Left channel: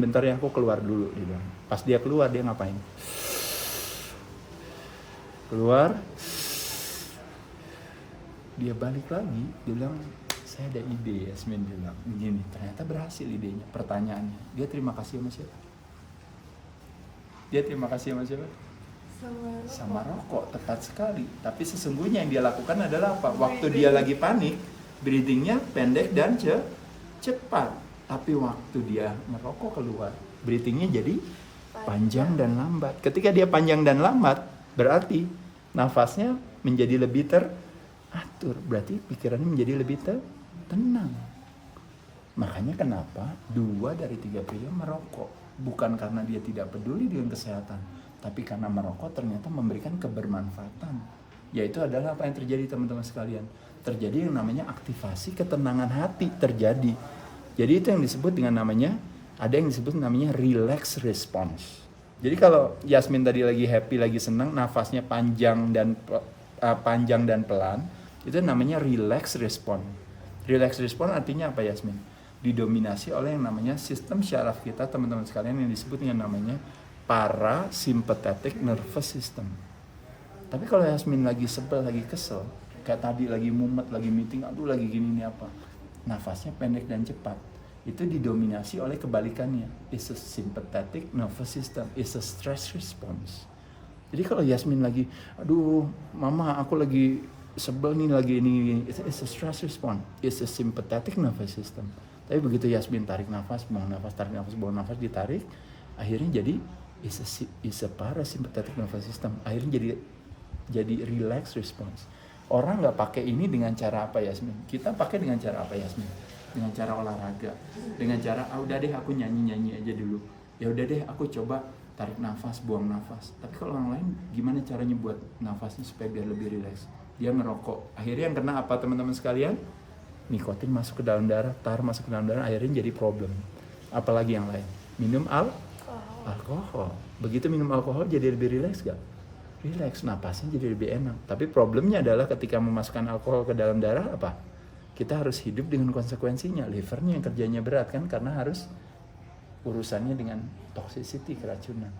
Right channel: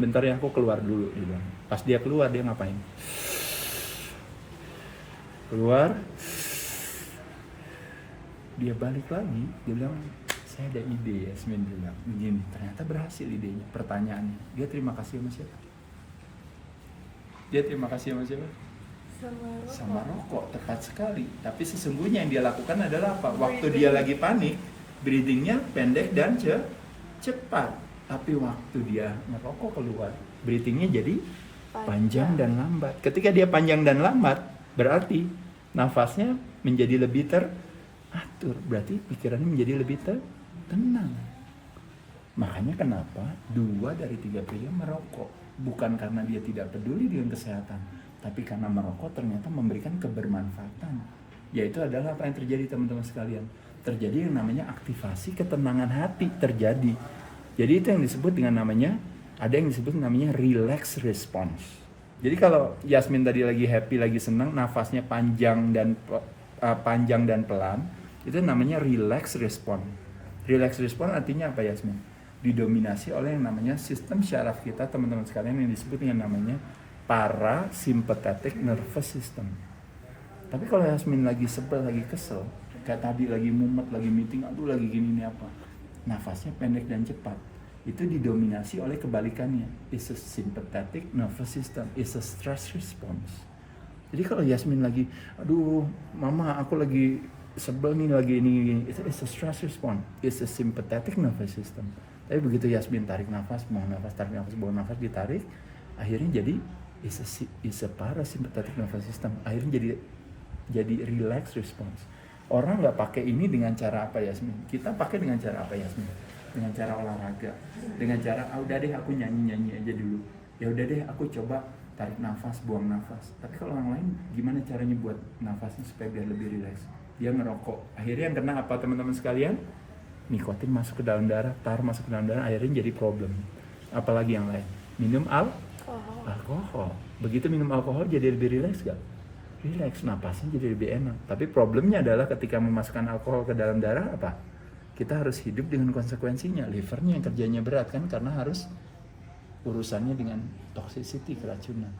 bentar ya, aku keluar dulu, dia bilang. Pas dia keluar, dia ngapain? Keluar, dia balik lagi, dia bilang, saya ada ide, Yasmin bilang, begini, ternyata berhasil idenya. Pertanyaannya, dia terima kasih sama siapa? Dia terima kasih sama siapa? Sama rokok, tepat sekali. Tapi sesungguhnya yang dia lakukan adalah apa? Waktu dia lagi panik, breathingnya pendek dan cepat. Tapi waktu dia ngerokok keluar, breathingnya jadi panjang dan lambat. Ketika dia panjang dan lambat, berarti nafasnya menjadi lebih teratur. Berarti pikirannya menjadi lebih tenang. Makanya kenapa 2 dari 3 pria merokok. Bukan karena dia tidak peduli dengan kesehatan, tapi karena merokok ternyata memberikan kebermanfaatan. Yaitu adalah apa yang terjadi, teman-teman sekalian. Terjadi yang namanya aktivasi ketenangan hati terjadi. Jadi itu yang disebut dengan namanya, ada yang disebut namanya relax response. Jadi kalau Yasmin tadi lagi happy, lagi senang, nafasnya panjang dan pelan, itu namanya relax response. Relax response artinya apa, Yasmin? Didominasi oleh yang namanya sistem syaraf kita, teman-teman sekalian, yang disebut dengan namanya parasympathetic nervous system. Tapi kalau Yasmin lagi sebel, lagi kesel, kayak tadi lagi mumet, lagi meeting, aduh lagi gini apa, nafasnya pendek dan cepat, itu didominasi oleh kebalikannya, is a sympathetic nervous system, is a stress response. Jadi kalau Yasmin lagi, aduh mama aku lagi sebel nih, lagi ini, itu is a stress response, is a sympathetic nervous system. Tapi begitu Yasmin tarik nafas, buang nafas, tarik nafas, buang nafas, ditarik, akhirnya jadi is a parasympathetic nervous system, akhirnya jadi relax response. Orang nggak pakai ini dengan cara apa, Yasmin? Kita pakai dengan cara apa, Yasmin? Dengan cara olahraga, dengan cara udah deh aku nyanyi aja dulu, ya udah deh aku coba tarik nafas, buang nafas. Tapi kalau orang lain gimana caranya buat nafasnya supaya biar lebih rileks? Dia ngerokok, akhirnya yang kena apa, teman-teman sekalian? Nikotin masuk ke dalam darah, tar masuk ke dalam darah, akhirnya jadi problem. Apalagi yang lain, minum alkohol. Begitu minum alkohol jadi lebih rileks gak? Rileks, napasnya jadi lebih enak. Tapi problemnya adalah ketika memasukkan alkohol ke dalam darah, apa? Kita harus hidup dengan konsekuensinya. Livernya yang kerjanya berat kan, karena harus urusannya dengan toxicity, keracunan.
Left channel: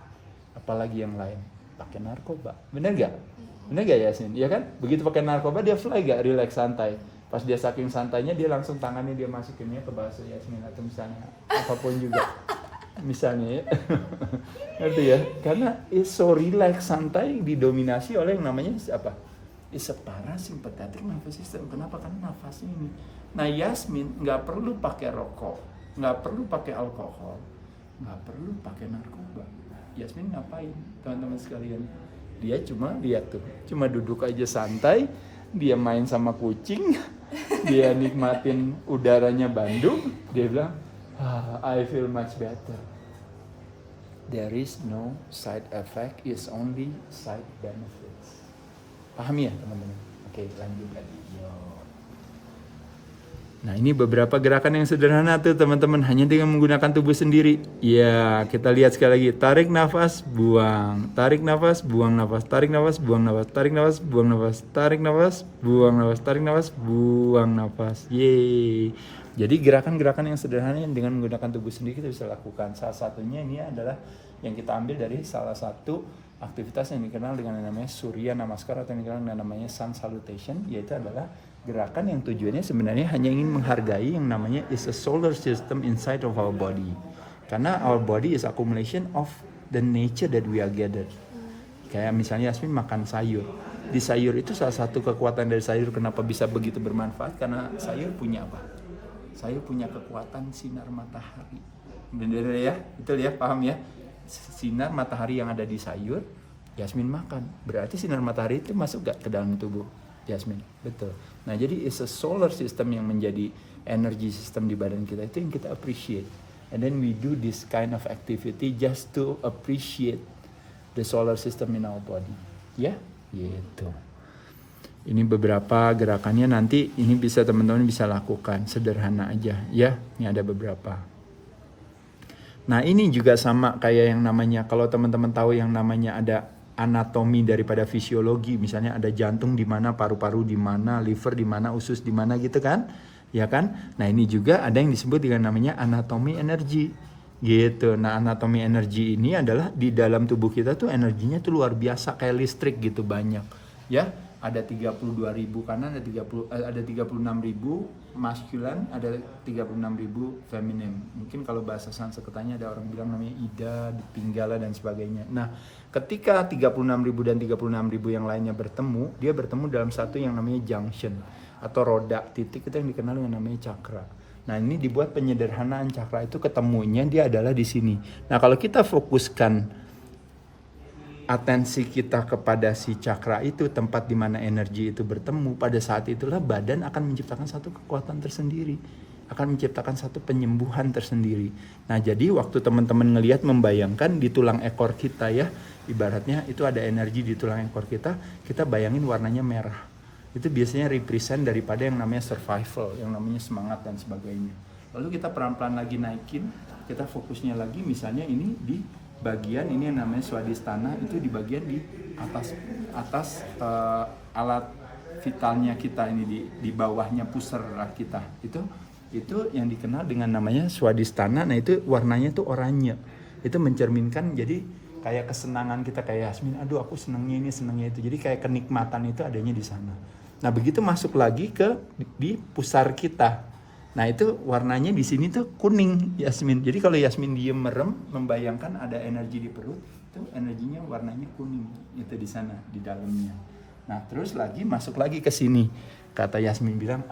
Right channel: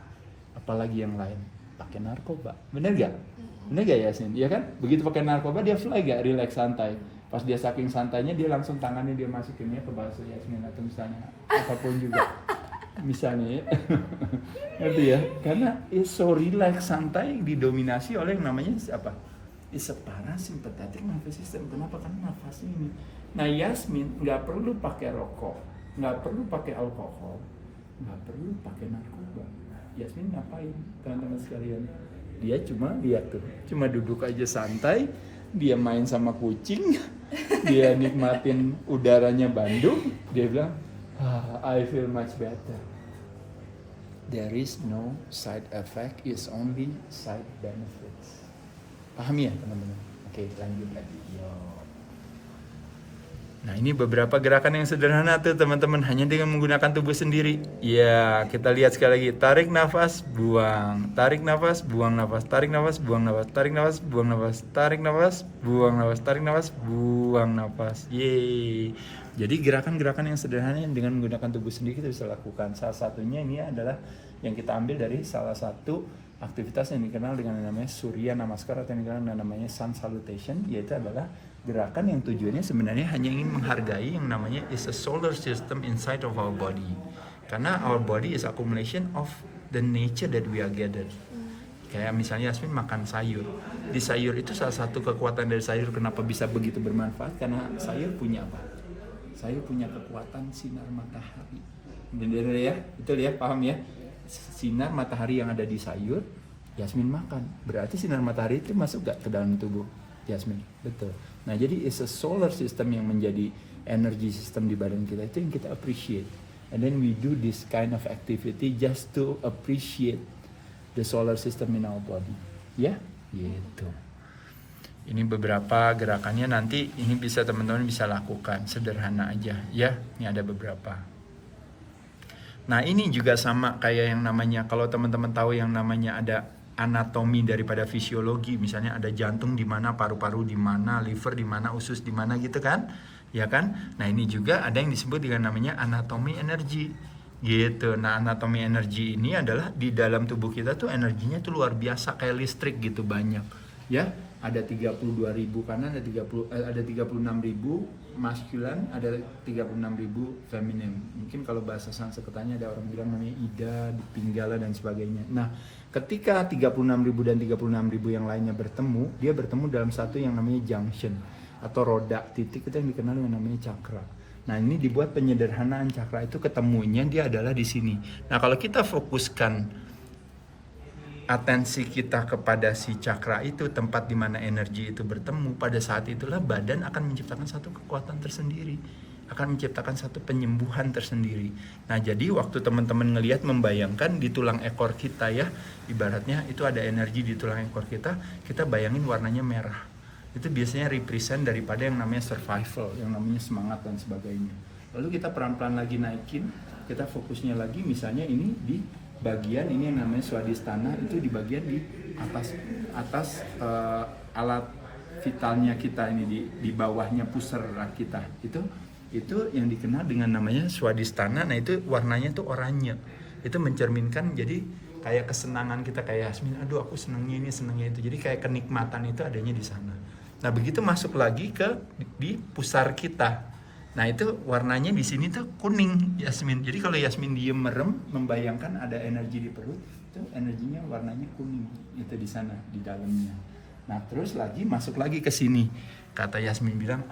Apalagi yang lain, pakai narkoba. Bener gak? Bener gak, Yasin? Iya kan? Begitu pakai narkoba dia fly gak? Relax, santai. Pas dia saking santainya, dia langsung tangannya dia masukinnya ke bahasa Yasmin atau misalnya apapun juga. Misalnya itu ya, karena it's so relax, santai, didominasi oleh yang namanya apa? It's a parasympathetic nervous system. Kenapa? Karena nafasnya ini. Nah, Yasmin nggak perlu pakai rokok, nggak perlu pakai alkohol, nggak perlu pakai narkoba. Yasmin ngapain, teman-teman sekalian? Dia cuma lihat tuh, cuma duduk aja santai, dia main sama kucing, dia nikmatin udaranya Bandung, dia bilang, I feel much better. There is no side effect, is only side benefits. Paham ya, teman-teman? Oke, lanjut lagi. Nah, ini beberapa gerakan yang sederhana tuh, teman-teman, hanya dengan menggunakan tubuh sendiri. Ya, kita lihat sekali lagi. Tarik nafas, buang. Tarik nafas, buang nafas. Tarik nafas, buang nafas. Tarik nafas, buang nafas. Tarik nafas, buang nafas. Tarik nafas, buang nafas. Yeay. Jadi gerakan-gerakan yang sederhana yang dengan menggunakan tubuh sendiri kita bisa lakukan. Salah satunya ini adalah yang kita ambil dari salah satu aktivitas yang dikenal dengan namanya Surya Namaskar atau yang dikenal dengan namanya Sun Salutation, yaitu adalah gerakan yang tujuannya sebenarnya hanya ingin menghargai yang namanya is a solar system inside of our body. Karena our body is accumulation of the nature that we are gathered. Kayak misalnya Yasmin makan sayur. Di sayur itu salah satu kekuatan dari sayur kenapa bisa begitu bermanfaat, karena sayur punya apa? Sayur punya kekuatan sinar matahari. Benar ya? Betul ya? Paham ya? Sinar matahari yang ada di sayur, Yasmin makan. Berarti sinar matahari itu masuk gak ke dalam tubuh Yasmin? Betul. Nah, jadi is a solar system yang menjadi energy system di badan kita, itu yang kita appreciate. And then we do this kind of activity just to appreciate the solar system in our body. Ya, gitu. Ini beberapa gerakannya, nanti ini bisa teman-teman bisa lakukan, sederhana aja ya. Ini ada beberapa. Nah, ini juga sama kayak yang namanya, kalau teman-teman tahu yang namanya ada anatomi daripada fisiologi, misalnya ada jantung di mana, paru-paru di mana, liver di mana, usus di mana gitu kan, ya kan? Nah, ini juga ada yang disebut dengan namanya anatomi energi. gitu. Nah, anatomi energi ini adalah di dalam tubuh kita tuh energinya tuh luar biasa kayak listrik gitu banyak. Ya, ada 32.000 kanan, ada 36.000 masculine, ada 36.000 feminin. Mungkin kalau bahasa Sanskertanya ada orang bilang namanya Ida, Pinggala dan sebagainya. Nah, ketika 36.000 dan 36.000 yang lainnya bertemu, dia bertemu dalam satu yang namanya junction atau roda titik, itu yang dikenal dengan namanya cakra. Nah, ini dibuat penyederhanaan cakra itu ketemunya dia adalah di sini. Nah, kalau kita fokuskan atensi kita kepada si cakra itu, tempat di mana energi itu bertemu, pada saat itulah badan akan menciptakan satu kekuatan tersendiri, akan menciptakan satu penyembuhan tersendiri. Nah, jadi waktu teman-teman ngelihat, membayangkan di tulang ekor kita ya, ibaratnya itu ada energi di tulang ekor kita, kita bayangin warnanya merah. Itu biasanya represent daripada yang namanya survival, yang namanya semangat dan sebagainya. Lalu kita pelan-pelan lagi naikin, kita fokusnya lagi misalnya ini di bagian ini yang namanya swadhisthana, itu di bagian di atas alat vitalnya kita ini, di bawahnya pusara kita. Itu yang dikenal dengan namanya swadhisthana. Nah, itu warnanya tuh oranye. Itu mencerminkan jadi kayak kesenangan kita, kayak Yasmin, aduh aku senengnya ini, senengnya itu. Jadi kayak kenikmatan itu adanya di sana. Nah, begitu masuk lagi di pusar kita. Nah, itu warnanya di sini tuh kuning, Yasmin. Jadi kalau Yasmin diem merem, membayangkan ada energi di perut, itu energinya warnanya kuning. Itu di sana, di dalamnya. Nah, terus lagi masuk lagi ke sini. Kata Yasmin bilang,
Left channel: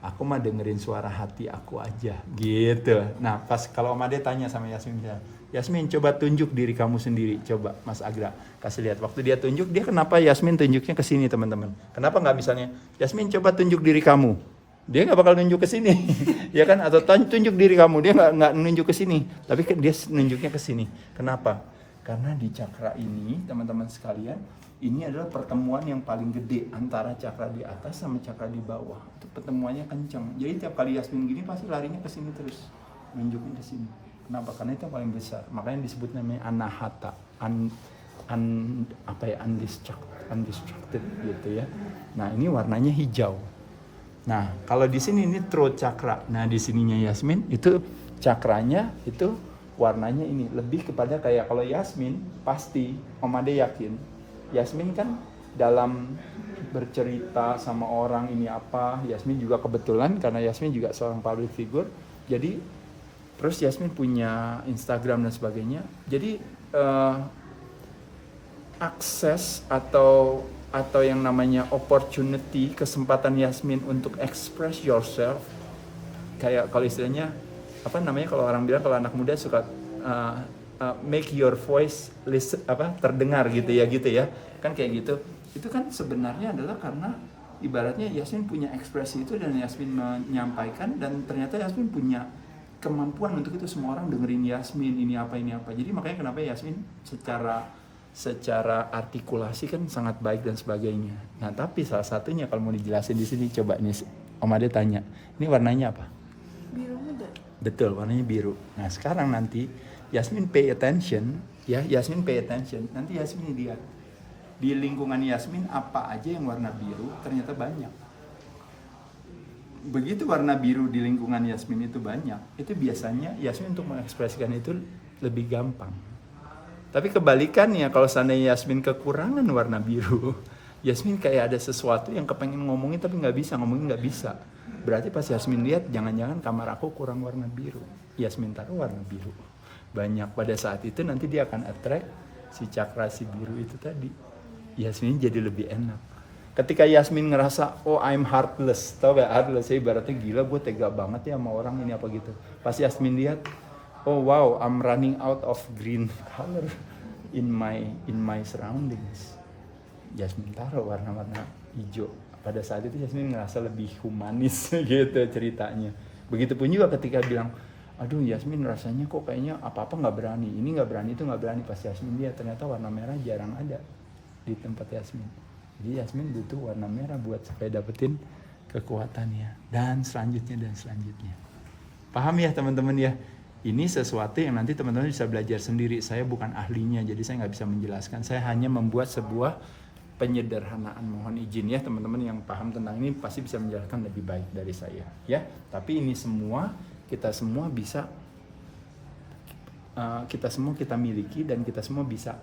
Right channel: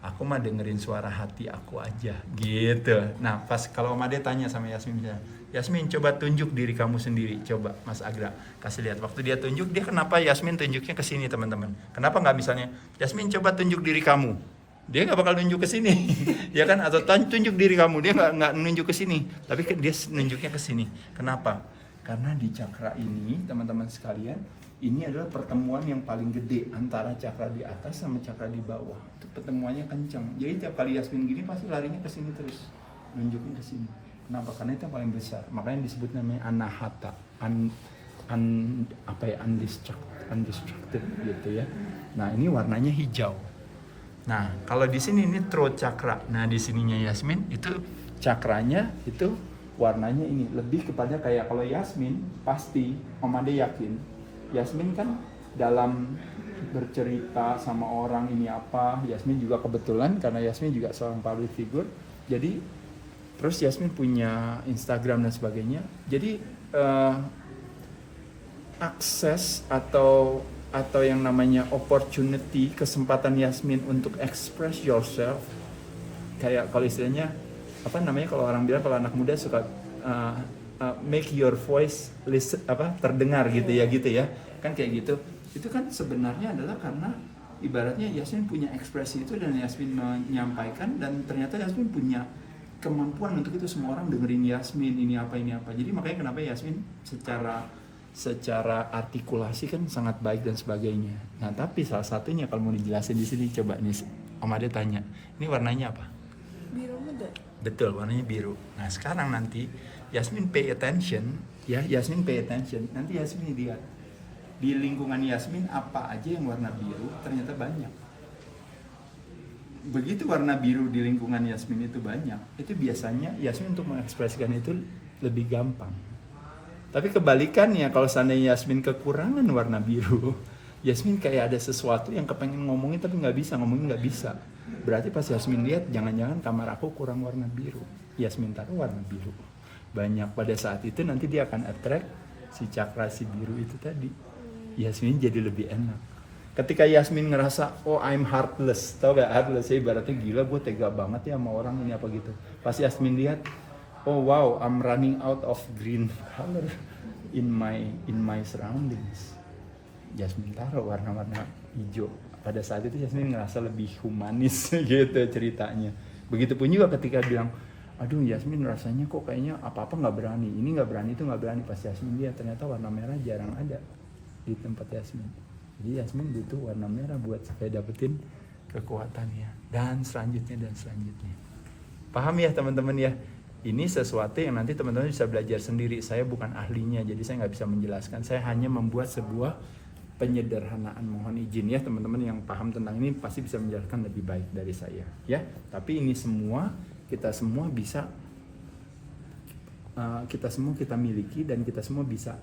aku mah dengerin suara hati aku aja, gitu. Nah, pas kalau Om Ade tanya sama Yasmin, Yasmin coba tunjuk diri kamu sendiri, coba Mas Agra kasih lihat. Waktu dia tunjuk, dia kenapa Yasmin tunjuknya ke sini, teman-teman? Kenapa nggak misalnya, Yasmin coba tunjuk diri kamu? Dia nggak bakal nunjuk ke sini, ya kan? Atau tunjuk diri kamu, dia nggak nunjuk ke sini, tapi dia nunjuknya ke sini. Kenapa? Karena di cakra ini, teman-teman sekalian, ini adalah pertemuan yang paling gede antara cakra di atas sama cakra di bawah. Itu pertemuannya kencang. Jadi tiap kali Yasmin gini pasti larinya ke sini terus, nunjukin ke sini. Kenapa? Karena itu yang paling besar. Makanya disebut namanya anahata, undistracted gitu ya. Nah, ini warnanya hijau. Nah, kalau di sini ini throat chakra. Nah, di sininya Yasmin itu cakranya itu warnanya ini lebih kepada kayak, kalau Yasmin pasti Om Ade yakin Yasmin kan dalam bercerita sama orang ini apa, Yasmin juga kebetulan karena Yasmin juga seorang public figure. Jadi terus Yasmin punya Instagram dan sebagainya. Jadi akses atau yang namanya opportunity, kesempatan Yasmin untuk express yourself, kayak kalau istilahnya apa namanya, kalau orang bilang, kalau anak muda suka make your voice terdengar gitu ya kan, kayak gitu. Itu kan sebenarnya adalah karena ibaratnya Yasmin punya ekspresi itu dan Yasmin menyampaikan, dan ternyata Yasmin punya kemampuan untuk itu. Semua orang dengerin Yasmin, ini apa. Jadi makanya kenapa Yasmin secara artikulasi kan sangat baik dan sebagainya. Nah, tapi salah satunya kalau mau dijelasin di sini, coba nih Om Ade tanya, ini warnanya apa? Biru juga. Betul, warnanya biru. Nah, sekarang nanti Yasmin pay attention, ya, Yasmin pay attention. Nanti Yasmin lihat di lingkungan Yasmin apa aja yang warna biru, ternyata banyak. Begitu warna biru di lingkungan Yasmin itu banyak, itu biasanya Yasmin untuk mengekspresikan itu lebih gampang. Tapi kebalikannya, kalau seandainya Yasmin kekurangan warna biru, Yasmin kayak ada sesuatu yang kepengen ngomongin tapi nggak bisa. Berarti pas Yasmin lihat, jangan-jangan kamar aku kurang warna biru. Yasmin taruh warna biru banyak. Pada saat itu nanti dia akan attract si cakra si biru itu tadi. Yasmin jadi lebih enak. Ketika Yasmin ngerasa, oh I'm heartless, tau gak heartless? Ibaratnya gila, gue tega banget ya sama orang ini apa gitu. Pas Yasmin lihat, oh wow, I'm running out of green color in my surroundings. Yasmin taruh warna-warna hijau. Pada saat itu Yasmin ngerasa lebih humanis gitu ceritanya. Begitupun juga ketika bilang, aduh Yasmin rasanya kok kayaknya apa-apa nggak berani, ini nggak berani, itu nggak berani. Pas Yasmin lihat, ternyata warna merah jarang ada di tempat Yasmin. Jadi Yasmin butuh warna merah buat supaya dapetin kekuatannya. Dan selanjutnya. Paham ya teman-teman ya? Ini sesuatu yang nanti teman-teman bisa belajar sendiri. Saya bukan ahlinya, jadi saya nggak bisa menjelaskan. Saya hanya membuat sebuah penyederhanaan. Mohon izin ya teman-teman yang paham tentang ini pasti bisa menjelaskan lebih baik dari saya ya. Tapi ini semua, kita semua bisa kita semua kita miliki dan kita semua bisa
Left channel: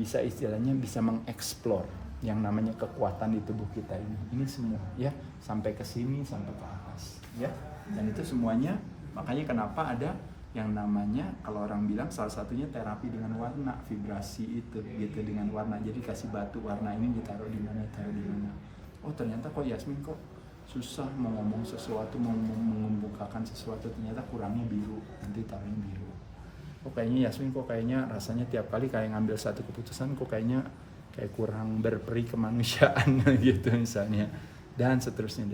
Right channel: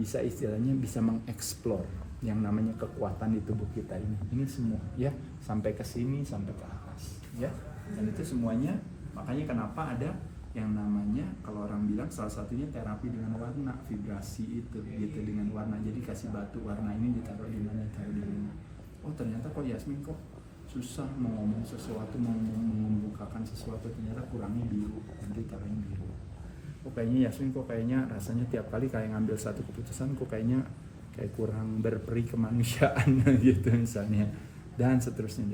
istilahnya bisa mengeksplor yang namanya kekuatan di tubuh kita ini. Ini semua ya, sampai ke sini, sampai ke atas ya. Dan itu semuanya, makanya kenapa ada yang namanya, kalau orang bilang salah satunya terapi dengan warna, vibrasi itu gitu, dengan warna. Jadi kasih batu warna ini ditaruh di mana, taruh di mana. Oh ternyata kok Yasmin kok susah mau ngomong sesuatu, mau membukakan sesuatu, ternyata kurangnya biru, nanti taruhnya biru. Oh kayaknya Yasmin kok kayaknya rasanya tiap kali kayak ngambil satu keputusan kok kayaknya kayak kurang berperi kemanusiaan gitu misalnya, dan seterusnya.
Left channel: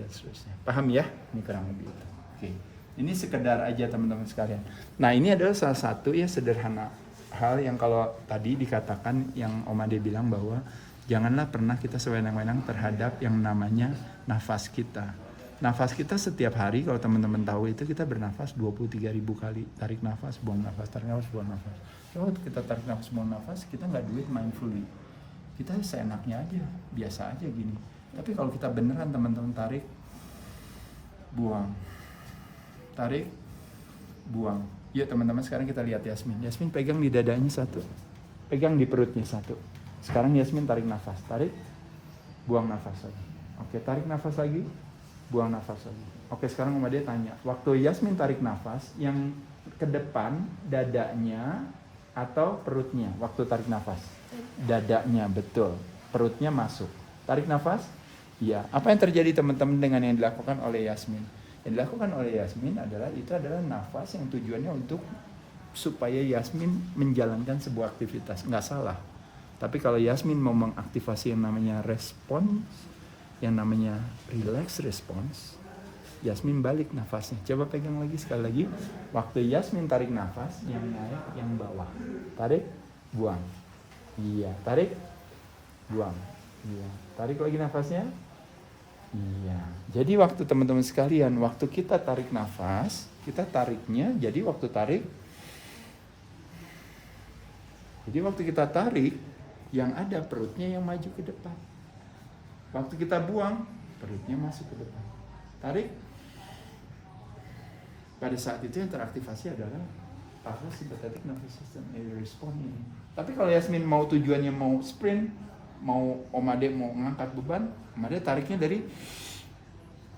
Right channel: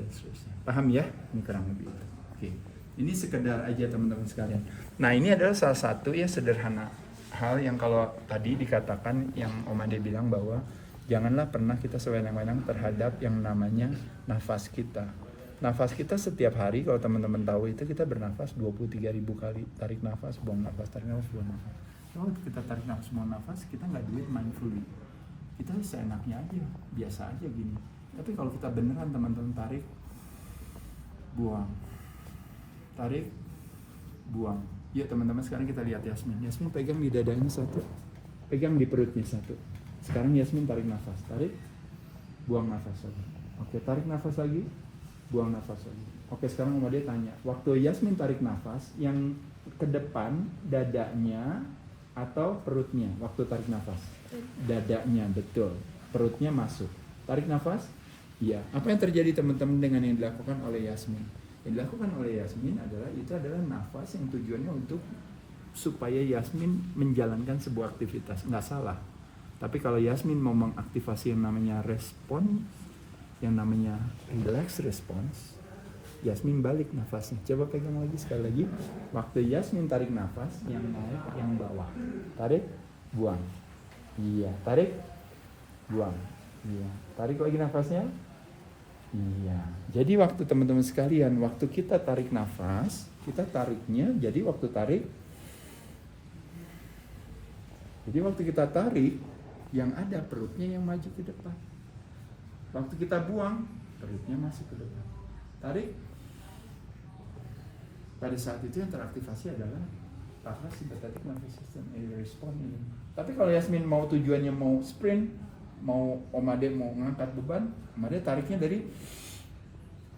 Paham ya? Ini kurang lebih itu. Oke. Ini sekedar aja teman-teman sekalian. Nah ini adalah salah satu ya sederhana hal yang kalau tadi dikatakan yang Om Ade bilang bahwa janganlah pernah kita sewenang-wenang terhadap yang namanya nafas kita. Nafas kita setiap hari kalau teman-teman tahu itu kita bernafas 23.000 kali. Tarik nafas, buang nafas, tarik nafas, buang nafas. Kalau kita tarik nafas, buang nafas, kita nggak do it mindfully. Kita seenaknya aja, biasa aja gini. Tapi kalau kita beneran teman-teman tarik, buang. Tarik, buang. Yuk teman-teman sekarang kita lihat Yasmin. Yasmin pegang di dadanya satu, pegang di perutnya satu. Sekarang Yasmin tarik nafas, tarik, buang nafas lagi. Oke, tarik nafas lagi, buang nafas lagi. Oke, sekarang Om Ade tanya, waktu Yasmin tarik nafas, yang ke depan dadanya atau perutnya waktu tarik nafas? Dadanya, betul. Perutnya masuk. Tarik nafas? Iya. Apa yang terjadi teman-teman dengan yang dilakukan oleh Yasmin? Yang dilakukan oleh Yasmin adalah nafas yang tujuannya untuk supaya Yasmin menjalankan sebuah aktivitas. Nggak salah. Tapi kalau Yasmin mau mengaktifasi yang namanya respons, yang namanya relax response, Yasmin balik nafasnya. Coba pegang lagi sekali lagi. Waktu Yasmin tarik nafas, yang naik, yang bawah. Tarik, buang. Iya, tarik, buang. Iya, tarik lagi nafasnya. Iya, jadi waktu teman-teman sekalian, waktu kita tarik nafas, kita tariknya, jadi waktu tarik, jadi waktu kita tarik, yang ada perutnya yang maju ke depan. Waktu kita buang, perutnya masuk ke depan. Tarik. Pada saat itu yang teraktivasi adalah parasympathetic nervous system respon ini. Tapi kalau Yasmin mau tujuannya mau sprint, mau Om Ade mau ngangkat beban, Om Ade tariknya dari,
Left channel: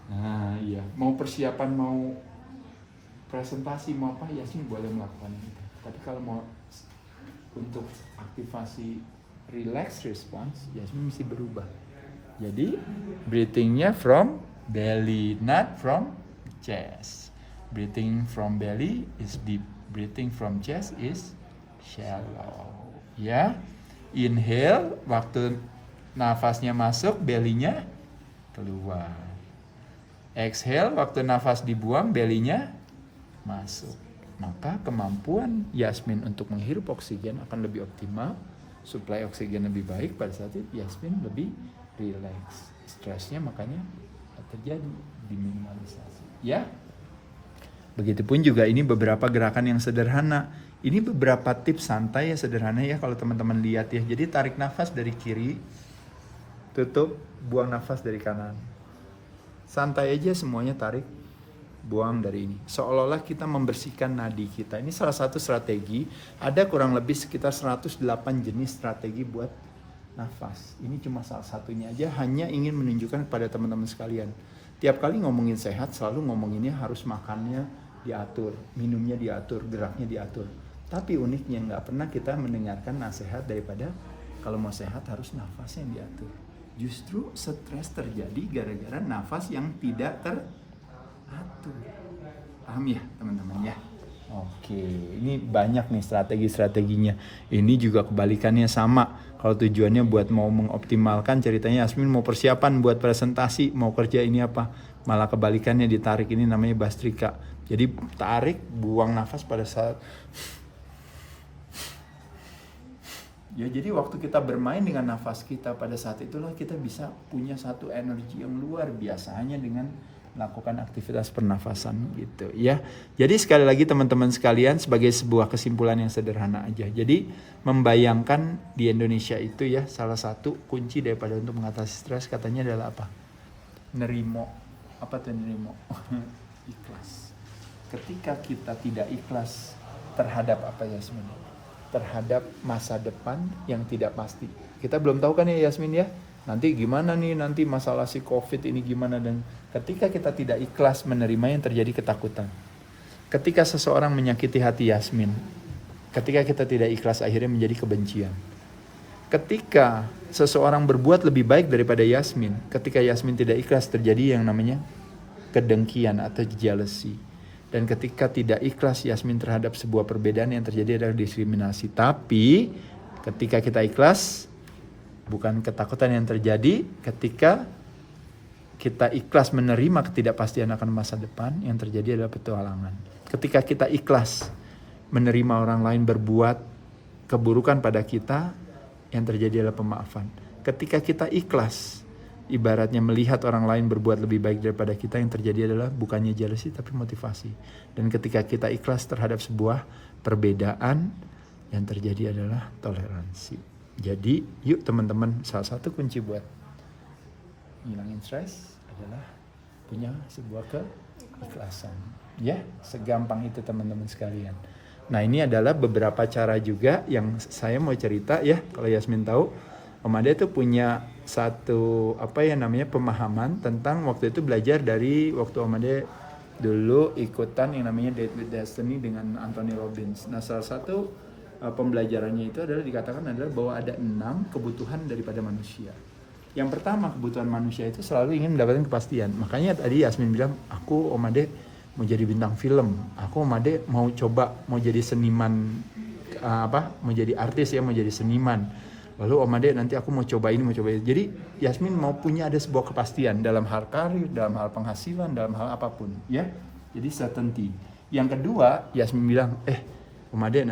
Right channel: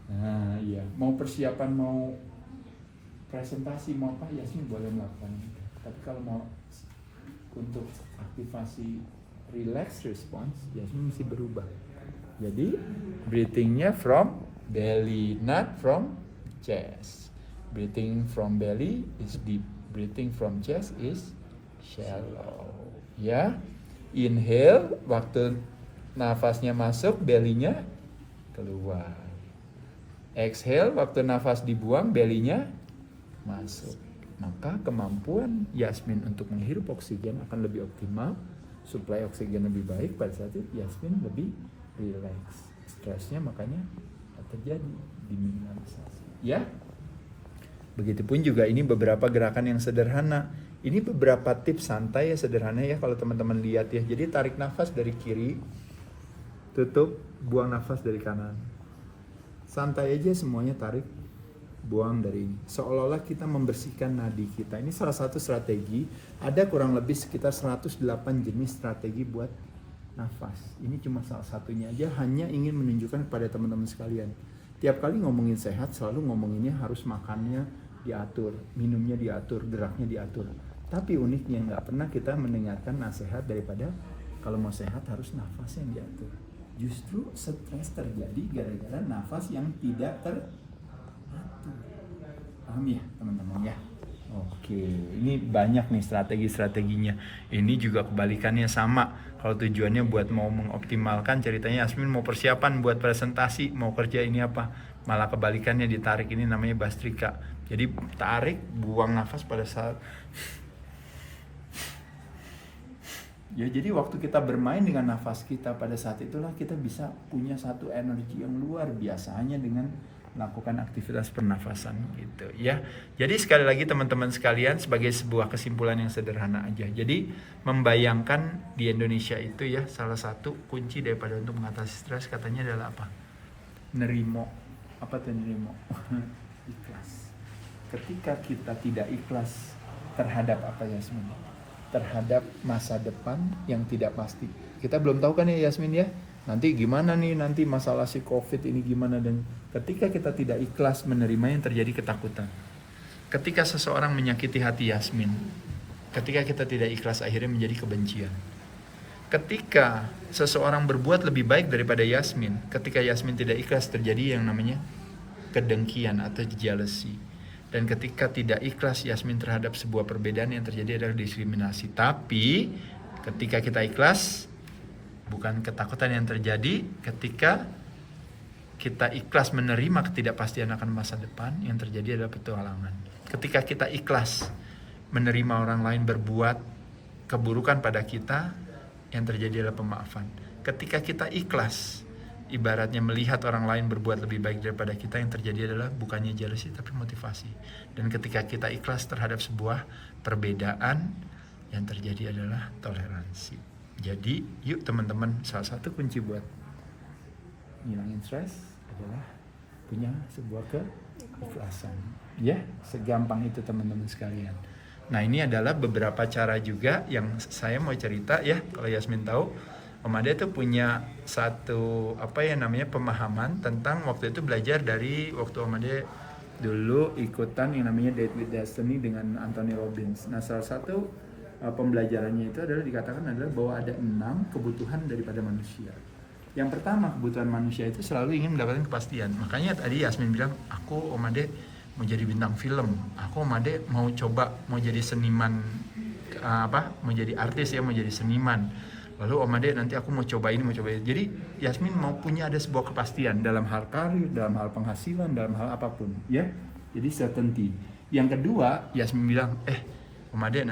nah iya, mau persiapan, mau presentasi, mau apa, Yasmin boleh melakukan itu. Tapi kalau mau untuk aktivasi relax response, Yasmin mesti berubah. Jadi breathingnya from belly, not from chest. Breathing from belly is deep, breathing from chest is shallow. Ya, inhale waktu nafasnya masuk, belly-nya keluar. Exhale waktu nafas dibuang, belly-nya masuk. Maka kemampuan Yasmin untuk menghirup oksigen akan lebih optimal, suplai oksigen lebih baik. Pada saat itu Yasmin lebih relax, stresnya makanya terjadi diminimalisasi. Ya, begitupun juga ini beberapa gerakan yang sederhana. Ini beberapa tips santai ya, sederhana ya kalau teman-teman lihat ya. Jadi tarik nafas dari kiri, tutup, buang nafas dari kanan. Santai aja semuanya, tarik, buang dari ini. Seolah-olah kita membersihkan nadi kita. Ini salah satu strategi. Ada kurang lebih sekitar 108 jenis strategi buat nafas. Ini cuma salah satunya aja, hanya ingin menunjukkan kepada teman-teman sekalian. Tiap kali ngomongin sehat, selalu ngomonginnya harus makannya diatur, minumnya diatur, geraknya diatur. Tapi uniknya nggak pernah kita mendengarkan nasihat daripada kalau mau sehat harus nafas yang diatur. Justru stres terjadi gara-gara nafas yang tidak teratur. Paham ya teman-teman ya? Oke, ini banyak nih strategi-strateginya. Ini juga kebalikannya sama. Kalau tujuannya buat mau mengoptimalkan, ceritanya Yasmin mau persiapan buat presentasi, mau kerja ini apa, malah kebalikannya ditarik. Ini namanya Bastrika. Jadi tarik, buang nafas pada saat. Ya, jadi waktu kita bermain dengan nafas kita pada saat itulah kita bisa punya satu energi yang luar biasa hanya dengan melakukan aktivitas pernafasan gitu ya. Jadi sekali lagi teman-teman sekalian, sebagai sebuah kesimpulan yang sederhana aja. Jadi membayangkan di Indonesia itu ya, salah satu kunci daripada untuk mengatasi stres katanya adalah apa? Nerimo. Apa tuh nerimo? Ikhlas. Ketika kita tidak ikhlas Terhadap apa Yasmin? Terhadap masa depan yang tidak pasti. Kita belum tahu kan ya Yasmin ya, nanti gimana nih, nanti masalah si COVID ini gimana. Dan ketika kita tidak ikhlas menerima, yang terjadi ketakutan. Ketika seseorang menyakiti hati Yasmin, ketika kita tidak ikhlas, akhirnya menjadi kebencian. Ketika seseorang berbuat lebih baik daripada Yasmin, ketika Yasmin tidak ikhlas, terjadi yang namanya kedengkian atau jealousy. Dan ketika tidak ikhlas Yasmin terhadap sebuah perbedaan, yang terjadi adalah diskriminasi. Tapi ketika kita ikhlas, bukan ketakutan yang terjadi. Ketika kita ikhlas menerima ketidakpastian akan masa depan, yang terjadi adalah petualangan. Ketika kita ikhlas menerima orang lain berbuat keburukan pada kita, yang terjadi adalah pemaafan. Ketika kita ikhlas, ibaratnya melihat orang lain berbuat lebih baik daripada kita, yang terjadi adalah bukannya jealousy tapi motivasi. Dan ketika kita ikhlas terhadap sebuah perbedaan, yang terjadi adalah toleransi. Jadi yuk teman-teman, salah satu kunci buat ngilangin stres adalah punya sebuah keikhlasan. Ya, segampang itu teman-teman sekalian. Nah, ini adalah beberapa cara juga yang saya mau cerita ya. Kalau Yasmin tahu, Om Ade itu punya satu pemahaman tentang waktu itu belajar dari waktu Om Ade dulu ikutan yang namanya Date with Destiny dengan Anthony Robbins. Nah, salah satu pembelajarannya itu adalah dikatakan adalah bahwa ada 6 kebutuhan daripada manusia. Yang pertama, kebutuhan manusia itu selalu ingin mendapatkan kepastian. Makanya tadi Yasmin bilang, aku Om Ade mau jadi bintang film, aku Om Ade mau coba mau jadi seniman, mau jadi artis ya, mau jadi seniman. Lalu Om Ade nanti aku mau coba ini, mau coba ini. Jadi Yasmin mau punya ada sebuah kepastian dalam hal karir, dalam hal penghasilan, dalam hal apapun ya. Jadi certainty. Yang kedua, Yasmin bilang, Om Ade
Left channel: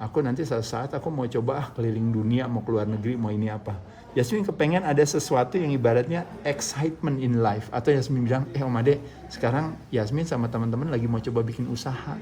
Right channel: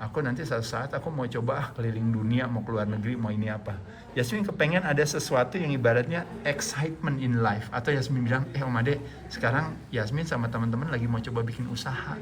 aku nanti suatu saat aku mau coba keliling dunia, mau keluar negeri, mau ini apa. Yasmin kepengen ada sesuatu yang ibaratnya excitement in life. Atau Yasmin bilang, Om Ade, sekarang Yasmin sama teman-teman lagi mau coba bikin usaha.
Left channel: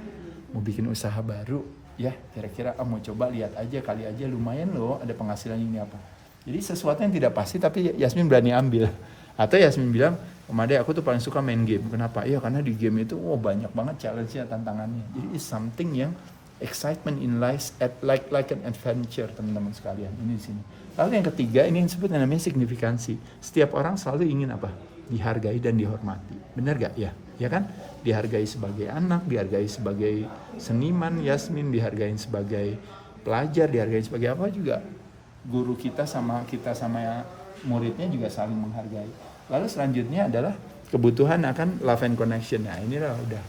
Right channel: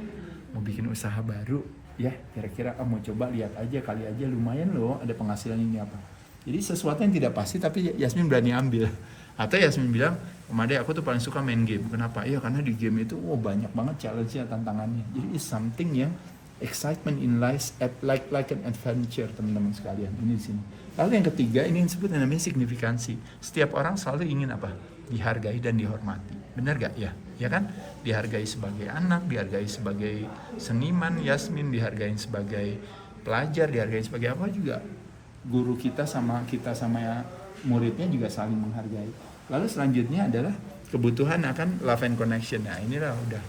Mau bikin usaha baru. Ya, kira-kira mau coba lihat aja, kali aja lumayan loh ada penghasilan ini apa. Jadi sesuatu yang tidak pasti tapi Yasmin berani ambil. Atau Yasmin bilang, Om Ade aku tuh paling suka main game. Kenapa? Ya karena di game itu banyak banget challenge-nya, tantangannya. Jadi it's something yang excitement in life, like an adventure teman-teman sekalian. Ini di sini. Lalu yang ketiga, ini yang disebut namanya signifikansi. Setiap orang selalu ingin apa? Dihargai dan dihormati. Benar gak? Ya kan? Dihargai sebagai anak, dihargai sebagai seniman Yasmin, dihargai sebagai pelajar, dihargai sebagai apa juga. Guru kita sama muridnya juga saling menghargai. Lalu selanjutnya adalah kebutuhan akan love and connection. Nah inilah udah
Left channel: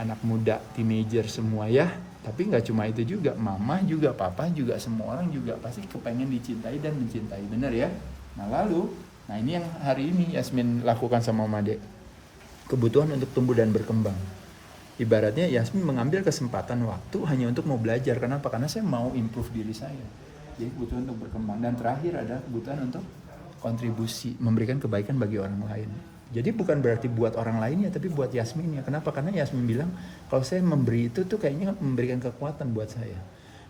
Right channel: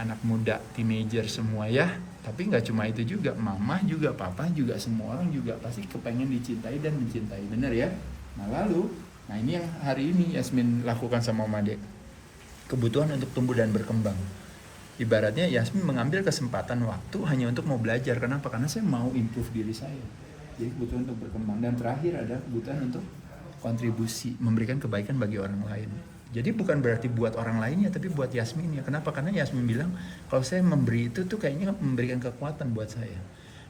anak muda, teenager semua ya. Tapi nggak cuma itu juga, mama juga, papa juga, semua orang juga pasti kepengen dicintai dan mencintai. Benar ya? Nah ini yang hari ini Yasmin lakukan sama Om Ade. Kebutuhan untuk tumbuh dan berkembang. Ibaratnya Yasmin mengambil kesempatan waktu hanya untuk mau belajar. Kenapa? Karena saya mau improve diri saya. Jadi kebutuhan untuk berkembang. Dan terakhir ada kebutuhan untuk kontribusi, memberikan kebaikan bagi orang lain. Jadi bukan berarti buat orang lainnya, tapi buat Yasmin ya. Kenapa? Karena Yasmin bilang, kalau saya memberi itu tuh kayaknya memberikan kekuatan buat saya.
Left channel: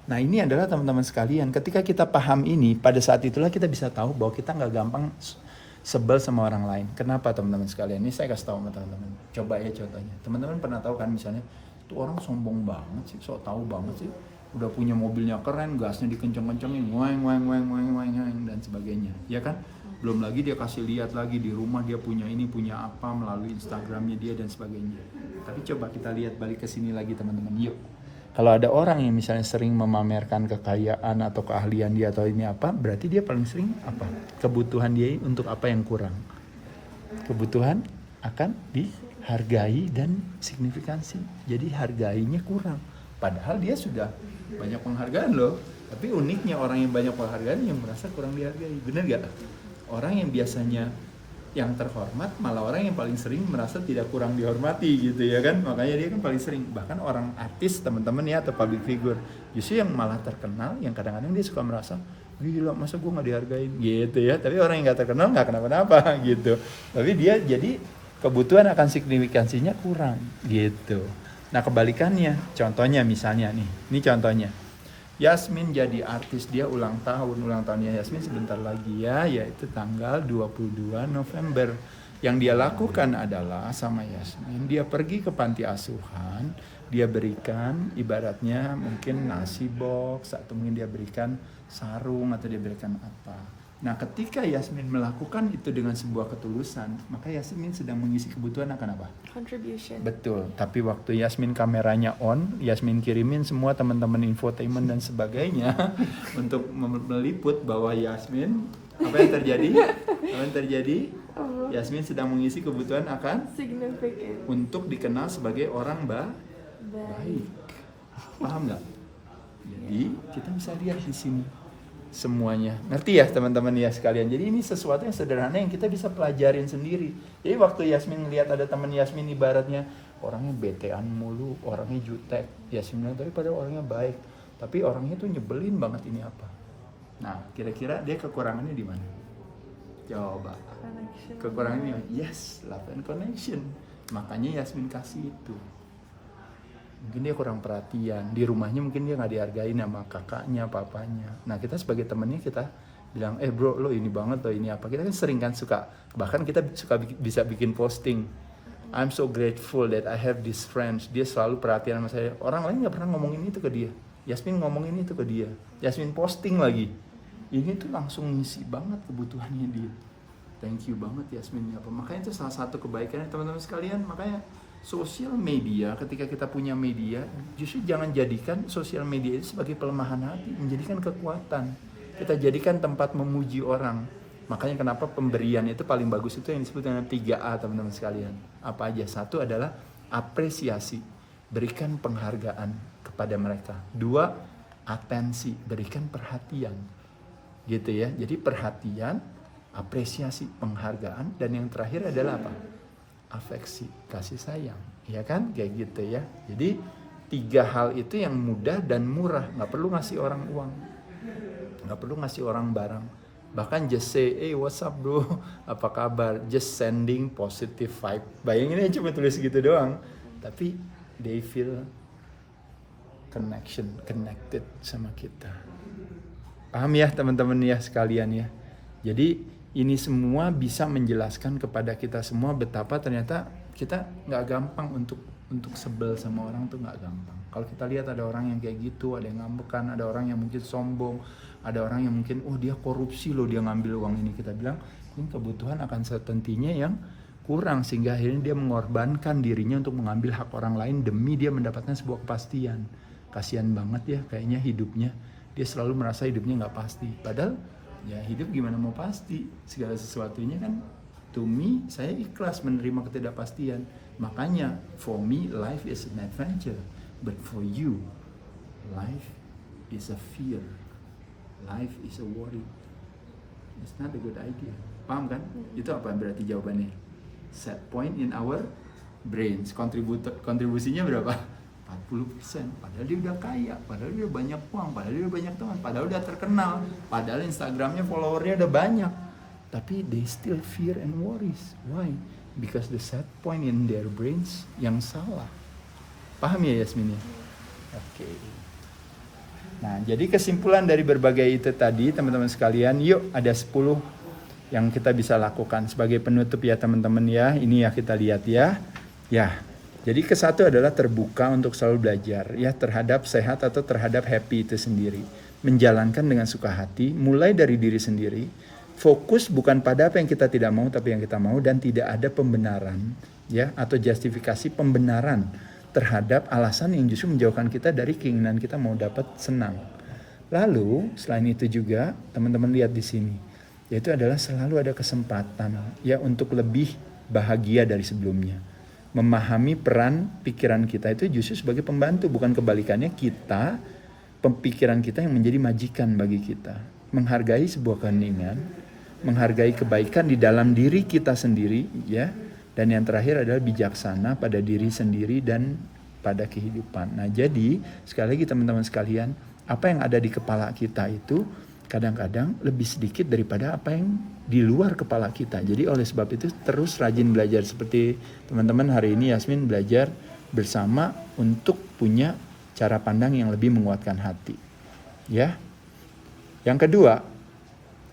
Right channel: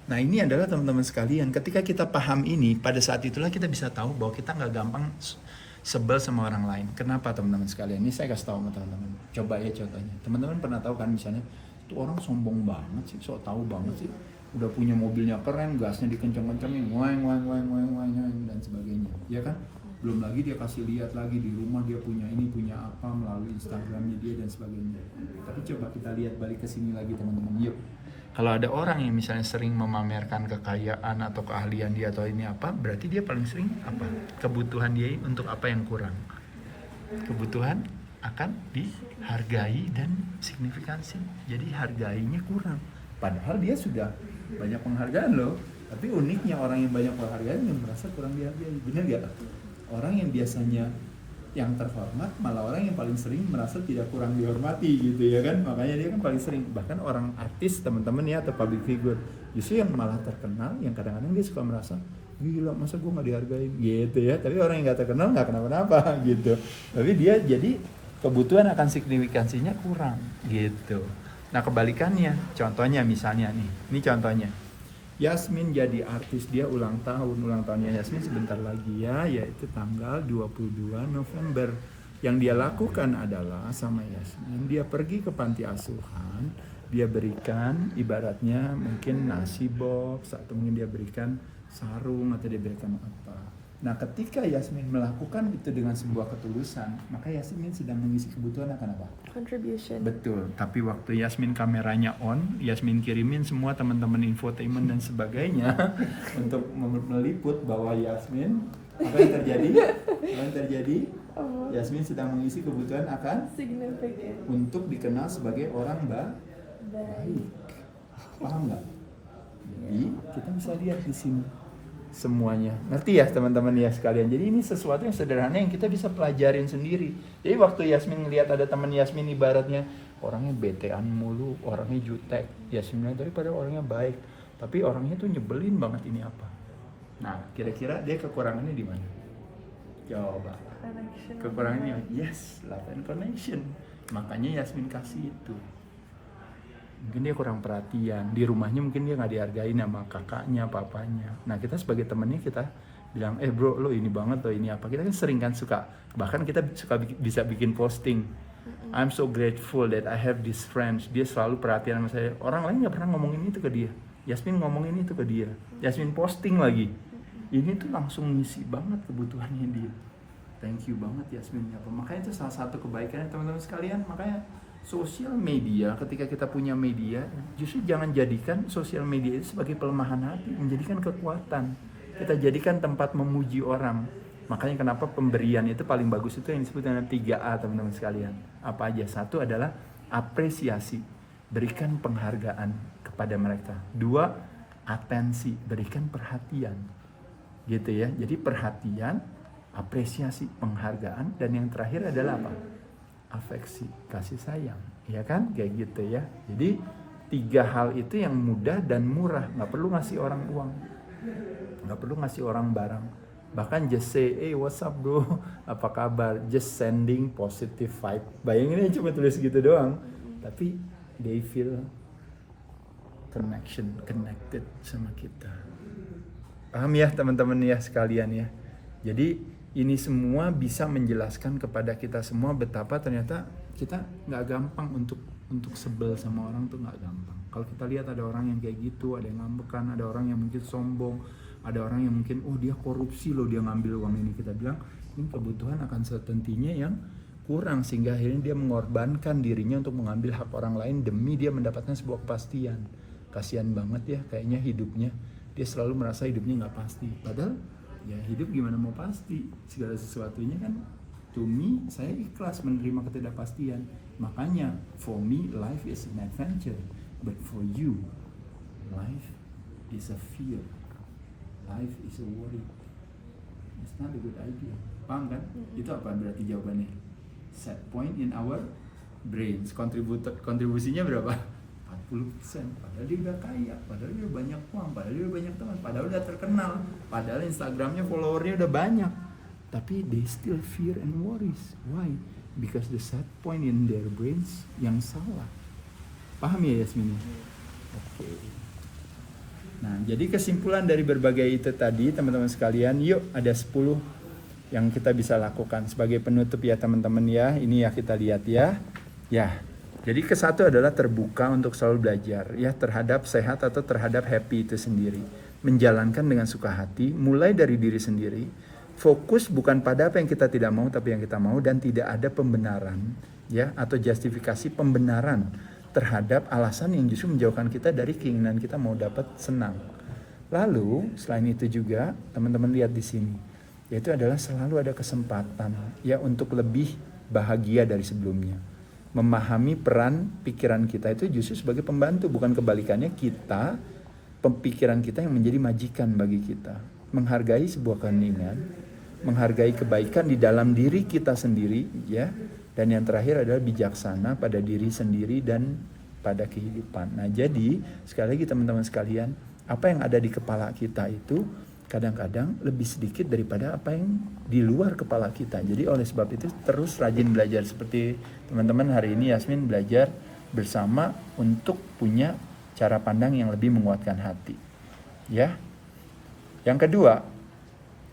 Nah ini adalah teman-teman sekalian, ketika kita paham ini, pada saat itulah kita bisa tahu bahwa kita nggak gampang sebel sama orang lain. Kenapa teman-teman sekalian? Ini saya kasih tahu sama teman-teman. Coba ya contohnya. Teman-teman pernah tahu kan misalnya, tuh orang sombong banget sih, sok tahu banget sih. Udah punya mobilnya keren, gasnya dikenceng-kencengin, weng dan sebagainya. Ya kan? Belum lagi dia kasih lihat lagi di rumah dia punya ini, punya apa melalui Instagramnya dia dan sebagainya. Tapi coba kita lihat balik ke sini lagi teman-teman. Yuk. Kalau ada orang yang misalnya sering memamerkan kekayaan atau keahlian dia atau ini apa, berarti dia paling sering apa? Kebutuhan dia untuk apa yang kurang? Kebutuhan akan dihargai dan signifikansi. Jadi hargainya kurang. Padahal dia sudah banyak penghargaan loh. Tapi uniknya orang yang banyak penghargaan yang merasa kurang dihargai. Benar gak? Orang yang biasanya yang terhormat malah orang yang paling sering merasa tidak kurang dihormati gitu ya kan. Makanya dia kan paling sering, bahkan orang artis teman-teman ya atau public figure justru yang malah terkenal yang kadang-kadang dia suka merasa gila masa gue gak dihargain gitu ya. Tapi orang yang gak terkenal gak kenapa-napa gitu. Tapi dia jadi kebutuhan akan signifikansinya kurang gitu. Nah kebalikannya, contohnya misalnya nih, ini contohnya Yasmin jadi artis, dia ulang tahunnya Yasmin sebentar lagi ya, yaitu tanggal 22 November. Yang dia lakukan adalah sama Yasmin, dia pergi ke panti asuhan, dia berikan ibaratnya mungkin nasi box, atau mungkin dia berikan sarung, atau dia berikan apa. Nah, ketika Yasmin melakukan itu dengan sebuah ketulusan, maka Yasmin sedang mengisi kebutuhan akan apa? Contribution. Betul. Tapi waktu Yasmin kameranya on, Yasmin kirimin semua teman-teman infotainment dan sebagainya untuk meliput bahwa Yasmin, apa yang terjadi? Apa yang terjadi? Yasmin sedang mengisi kebutuhan akan Significant. untuk dikenal sebagai orang baik. Paham nggak? Jadi kita bisa lihat di sini semuanya. Ngerti ya teman-teman ya sekalian. Jadi ini sesuatu yang sederhana yang kita bisa pelajarin sendiri. Jadi waktu Yasmin ngelihat ada teman Yasmin ibaratnya orangnya betean mulu, orangnya jutek. Yasmin bilang daripada orangnya baik, tapi orangnya tuh nyebelin banget, ini apa? Nah, kira-kira dia kekurangannya di mana? Coba. Connection. Kekurangannya yes, love and connection. Makanya Yasmin kasih itu. Mungkin dia kurang perhatian, di rumahnya mungkin dia nggak dihargain sama kakaknya, papanya. Nah, kita sebagai temennya kita bilang, bro, lo ini banget, lo ini apa. Kita kan sering kan suka, bahkan kita suka bisa bikin posting, I'm so grateful that I have these friends. Dia selalu perhatian sama saya. Orang lain nggak pernah ngomongin itu ke dia, Yasmin ngomongin itu ke dia, Yasmin posting lagi. Ini tuh langsung ngisi banget kebutuhannya dia. Thank you banget Yasmin. Makanya itu salah satu kebaikannya teman-teman sekalian. Makanya sosial media, ketika kita punya media, justru jangan jadikan sosial media itu sebagai pelemahan hati, menjadikan kekuatan. Kita jadikan tempat memuji orang. Makanya kenapa pemberian itu paling bagus itu yang disebut dengan 3A teman-teman sekalian. Apa aja? Satu adalah apresiasi, berikan penghargaan kepada mereka. 2, atensi, berikan perhatian. Gitu ya. Jadi perhatian, apresiasi, penghargaan, dan yang terakhir adalah apa? Afeksi, kasih sayang, ya kan, kayak gitu ya. Jadi 3 hal itu yang mudah dan murah, nggak perlu ngasih orang uang, nggak perlu ngasih orang barang, bahkan just say, what's up bro, apa kabar, just sending positive vibe. Bayangin aja cuma tulis gitu doang, tapi they feel connected sama kita. Paham ya teman-teman ya sekalian ya. Jadi ini semua bisa menjelaskan kepada kita semua betapa ternyata kita nggak gampang untuk sebel sama orang tuh nggak gampang. Kalau kita lihat ada orang yang kayak gitu, ada yang ngambekan, ada orang yang mungkin sombong, ada orang yang mungkin dia korupsi loh, dia ngambil uang ini, kita bilang ini kebutuhan akan certainty-nya yang kurang sehingga akhirnya dia mengorbankan dirinya untuk mengambil hak orang lain demi dia mendapatkan sebuah kepastian. Kasihan banget ya kayaknya hidupnya, dia selalu merasa hidupnya nggak pasti, padahal ya hidup gimana mau pasti, segala sesuatunya kan to me, saya ikhlas menerima ketidakpastian. Makanya for me life is an adventure, but for you life is a fear, life is a worry. It's not a good idea. Paham kan? Itu apa berarti jawabannya? Set point in our brains. Kontribusinya berapa? 40%. Padahal dia udah kaya, padahal dia banyak uang, padahal dia banyak teman, padahal udah terkenal, padahal Instagramnya followernya udah banyak, tapi they still fear and worries. Why? Because the set point in their brains yang salah. Paham ya Yasmin? Oke. Nah, jadi kesimpulan dari berbagai itu tadi teman-teman sekalian, yuk ada 10 yang kita bisa lakukan sebagai penutup ya teman-teman ya. Ini ya kita lihat ya. Ya. Jadi kesatu adalah terbuka untuk selalu belajar ya terhadap sehat atau terhadap happy itu sendiri. Menjalankan dengan suka hati, mulai dari diri sendiri. Fokus bukan pada apa yang kita tidak mau tapi yang kita mau, dan tidak ada pembenaran ya atau justifikasi pembenaran terhadap alasan yang justru menjauhkan kita dari keinginan kita mau dapat senang. Lalu selain itu juga teman-teman lihat di sini, yaitu adalah selalu ada kesempatan ya untuk lebih bahagia dari sebelumnya. Memahami peran pikiran kita itu justru sebagai pembantu, bukan kebalikannya kita, pemikiran kita yang menjadi majikan bagi kita. Menghargai sebuah keheningan, menghargai kebaikan di dalam diri kita sendiri ya, dan yang terakhir adalah bijaksana pada diri sendiri dan pada kehidupan. Nah, jadi sekali lagi teman-teman sekalian, apa yang ada di kepala kita itu kadang-kadang lebih sedikit daripada apa yang di luar kepala kita. Jadi oleh sebab itu terus rajin belajar, seperti teman-teman hari ini Yasmin belajar bersama untuk punya cara pandang yang lebih menguatkan hati. Ya. Yang kedua,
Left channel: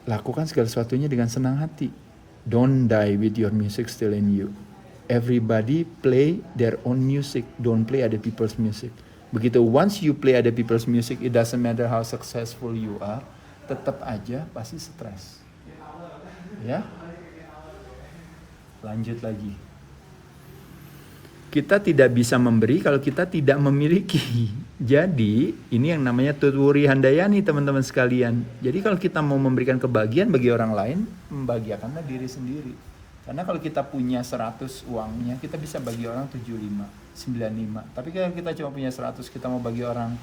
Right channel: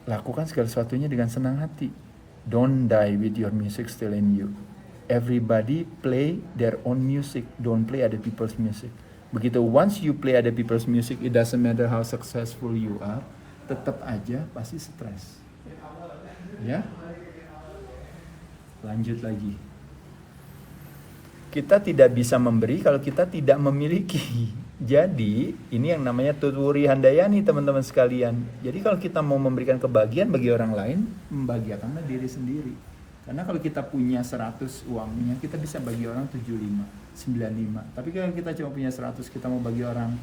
lakukan segala sesuatunya dengan senang hati. Don't die with your music still in you. everybody play their own music, don't play other people's music. Begitu once you play other people's music, it doesn't matter how successful you are, tetap aja pasti stres. Ya, lanjut lagi. Kita tidak bisa memberi kalau kita tidak memiliki. Jadi ini yang namanya Tutwuri Handayani teman-teman sekalian. Jadi kalau kita mau memberikan kebahagiaan bagi orang lain, membahagiakanlah diri sendiri. Karena kalau kita punya 100 uangnya, kita bisa bagi orang 75, 95. Tapi kalau kita cuma punya 100, kita mau bagi orang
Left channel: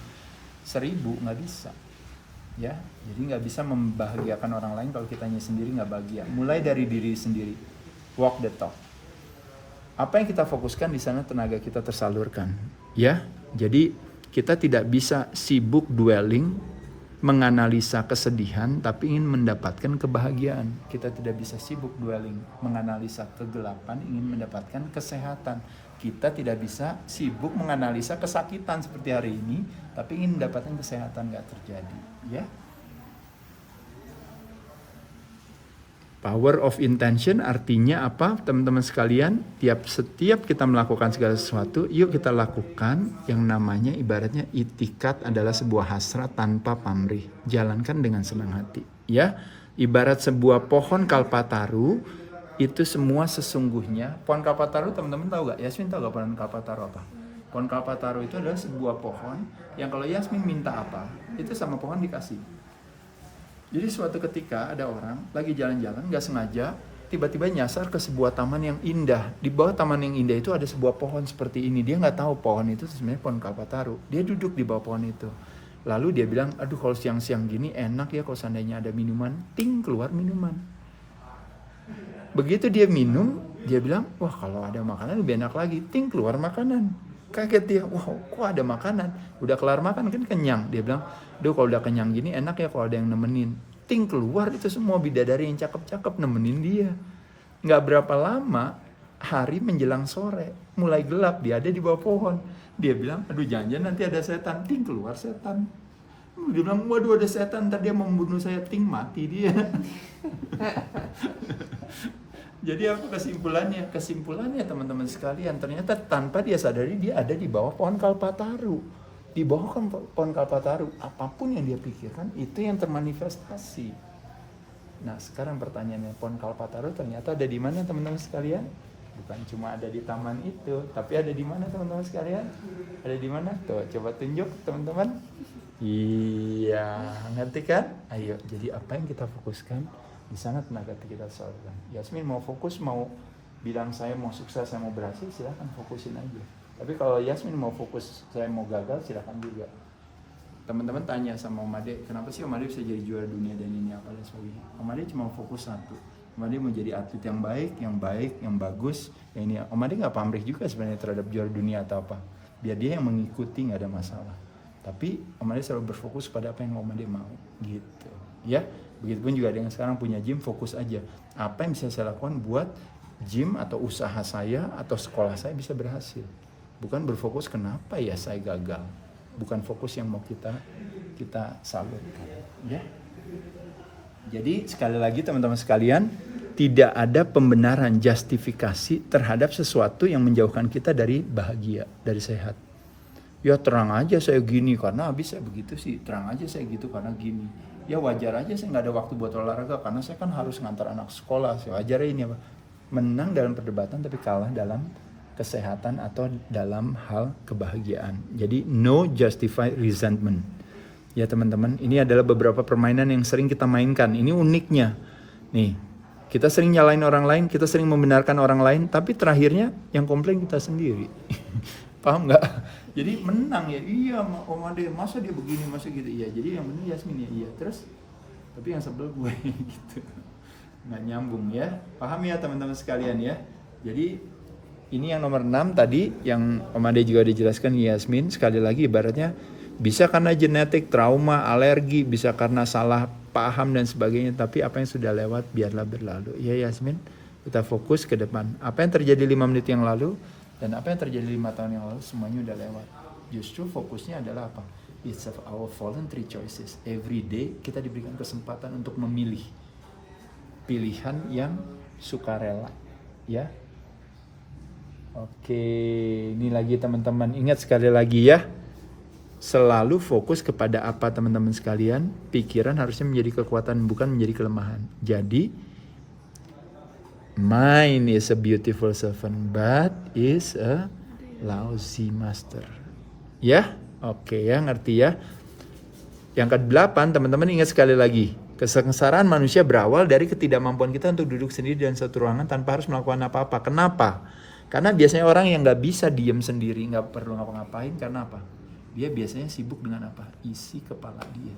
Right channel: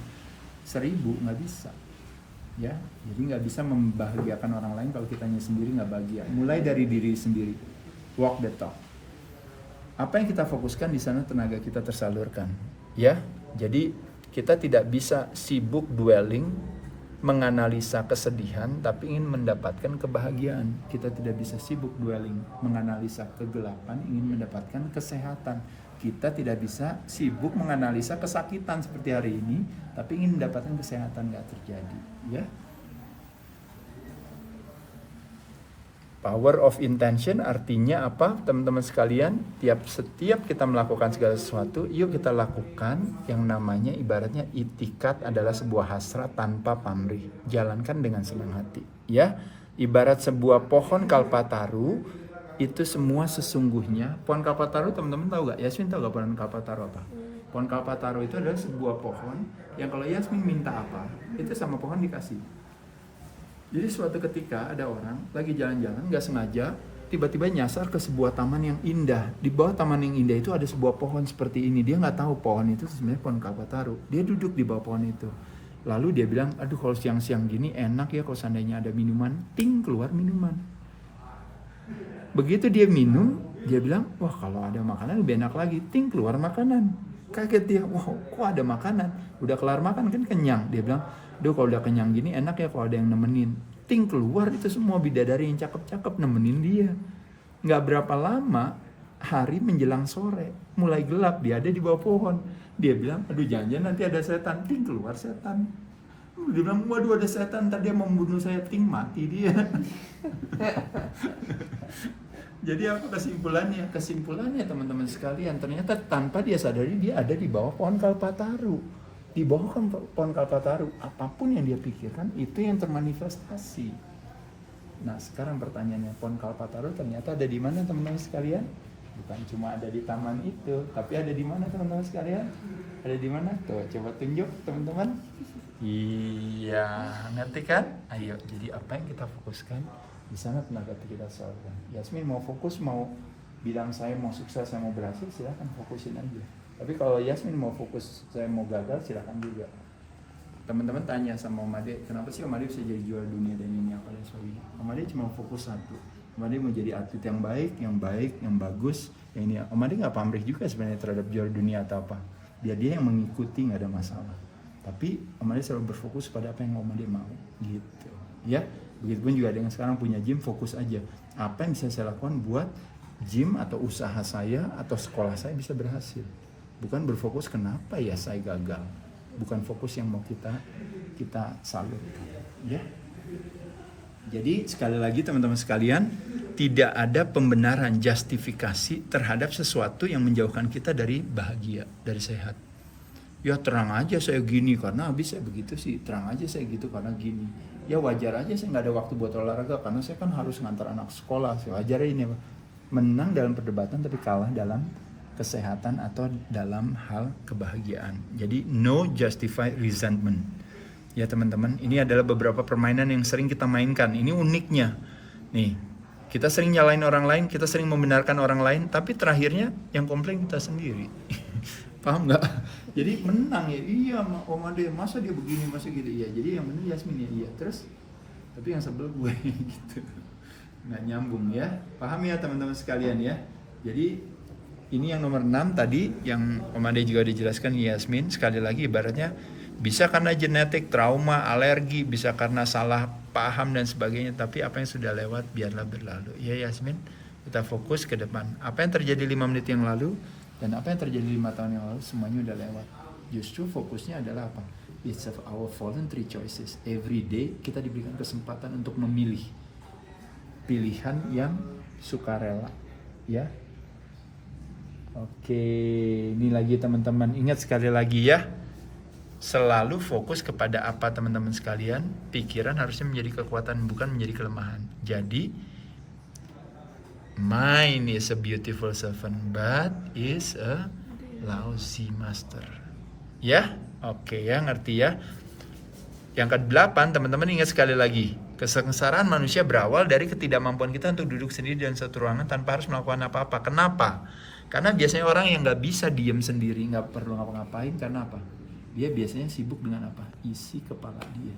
1000, nggak bisa. Ya, jadi nggak bisa membahagiakan orang lain kalau kitanya sendiri nggak bahagia. Mulai dari diri sendiri, walk the talk. Apa yang kita fokuskan di sana tenaga kita tersalurkan. Ya, jadi kita tidak bisa sibuk dwelling, menganalisa kesedihan, tapi ingin mendapatkan kebahagiaan. Kita tidak bisa sibuk dwelling, menganalisa kegelapan, ingin mendapatkan kesehatan. Kita tidak bisa sibuk menganalisa kesakitan seperti hari ini, tapi ingin mendapatkan kesehatan, nggak terjadi. Ya. Power of intention artinya apa teman-teman sekalian? Setiap kita melakukan segala sesuatu, yuk kita lakukan yang namanya ibaratnya itikat adalah sebuah hasrat tanpa pamrih. Jalankan dengan senang hati. Ya, ibarat sebuah pohon kalpataru itu semua sesungguhnya. Pohon kalpataru teman-teman tahu gak? Yasmin tahu gak pohon kalpataru apa? Pohon kalpataru itu adalah sebuah pohon yang kalau Yasmin minta apa, itu sama pohon dikasih. Jadi suatu ketika ada orang lagi jalan-jalan gak sengaja tiba-tiba nyasar ke sebuah taman yang indah. Di bawah taman yang indah itu ada sebuah pohon seperti ini. Dia gak tahu pohon itu sebenarnya pohon kalpataru. Dia duduk di bawah pohon itu. Lalu dia bilang, aduh kalau siang-siang gini enak ya kalau seandainya ada minuman. Ting, keluar minuman. Begitu dia minum, dia bilang, wah kalau ada makanan lebih enak lagi. Ting, keluar makanan. Kaget dia, wah kok ada makanan. Udah kelar makan kan kenyang. Dia bilang, duh kalau udah kenyang gini enak ya kalau ada yang nemenin. Ting, keluar itu semua bidadari yang cakep-cakep nemenin dia. Nggak berapa lama, hari menjelang sore, mulai gelap, dia ada di bawah pohon. Dia bilang, aduh jangan-jangan nanti ada setan. Ting, keluar setan. Dia bilang, waduh ada setan, ntar dia mau membunuh saya. Ting, mati dia. Jadi apa kesimpulannya? Kesimpulannya teman-teman sekalian, ternyata tanpa dia sadari dia ada di bawah pohon kalpataru. Di bawah pohon kalpataru, apapun yang dia pikirkan itu yang termanifestasi. Nah sekarang pertanyaannya, pohon kalpataru ternyata ada di mana teman-teman sekalian? Bukan cuma ada di taman itu, tapi ada di mana teman-teman sekalian? Ada di mana? Tuh coba tunjuk teman-teman. Iya, ngerti kan? Ayo, jadi apa yang kita fokuskan di sana tenaga kita salurkan. Yasmin mau fokus, mau bilang saya mau sukses, saya mau berhasil, silahkan fokusin aja. Tapi kalau Yasmin mau fokus, saya mau gagal, silakan juga. Teman-teman tanya sama Om Ade, kenapa sih Om Ade bisa jadi juara dunia dan ini apa dan sebagainya. Om Ade cuma fokus satu. Om Ade mau jadi atlet yang baik, yang bagus. Yang ini. Om Ade nggak pamrih juga sebenarnya terhadap juara dunia atau apa. Biar dia yang mengikuti, nggak ada masalah. Tapi Om Ade selalu berfokus pada apa yang Om Ade mau, gitu. Ya, begitupun juga ada yang sekarang punya gym, fokus aja. Apa yang bisa saya lakukan buat gym atau usaha saya atau sekolah saya bisa berhasil. Bukan berfokus kenapa ya saya gagal. Bukan fokus yang mau kita salurkan. Ya. Jadi sekali lagi teman-teman sekalian, tidak ada pembenaran justifikasi terhadap sesuatu yang menjauhkan kita dari bahagia, dari sehat. Ya terang aja saya gini karena habis saya begitu sih. Terang aja saya gitu karena gini. Ya wajar aja saya nggak ada waktu buat olahraga karena saya kan harus ngantar anak sekolah. Wajar ini apa? Menang dalam perdebatan tapi kalah dalam kesehatan atau dalam hal kebahagiaan. Jadi no justify resentment. Ya teman-teman, ini adalah beberapa permainan yang sering kita mainkan. Ini uniknya. Nih, kita sering nyalain orang lain, kita sering membenarkan orang lain, tapi terakhirnya yang komplain kita sendiri. Paham nggak? Jadi menang ya, iya Om Ade, masa dia begini, masa gitu. Iya, jadi yang benar Yasmin ya, iya. Terus, tapi yang sebel gue gitu. Nggak nyambung ya. Paham ya teman-teman sekalian ya. Jadi ini yang nomor 6 tadi yang Om Ade juga dijelaskan Yasmin, sekali lagi ibaratnya bisa karena genetik, trauma, alergi, bisa karena salah paham dan sebagainya, tapi apa yang sudah lewat biarlah berlalu. Ya Yasmin, kita fokus ke depan. Apa yang terjadi 5 menit yang lalu dan apa yang terjadi 5 tahun yang lalu semuanya udah lewat. Justru fokusnya adalah apa? It's of our voluntary choices. Every day kita diberikan kesempatan untuk memilih pilihan yang sukarela, ya. Oke, ini lagi teman-teman, ingat sekali lagi ya, selalu fokus kepada apa teman-teman sekalian. Pikiran harusnya menjadi kekuatan, bukan menjadi kelemahan. Jadi mind is a beautiful servant, but is a lousy master. Ya, oke ya, ngerti ya. Yang ke-8, teman-teman ingat sekali lagi, kesengsaraan manusia berawal dari ketidakmampuan kita untuk duduk sendiri dalam satu ruangan tanpa harus melakukan apa-apa. Kenapa? Karena biasanya orang yang nggak bisa diem sendiri, nggak perlu ngapa-ngapain, karena apa? Dia biasanya sibuk dengan apa? Isi kepala dia.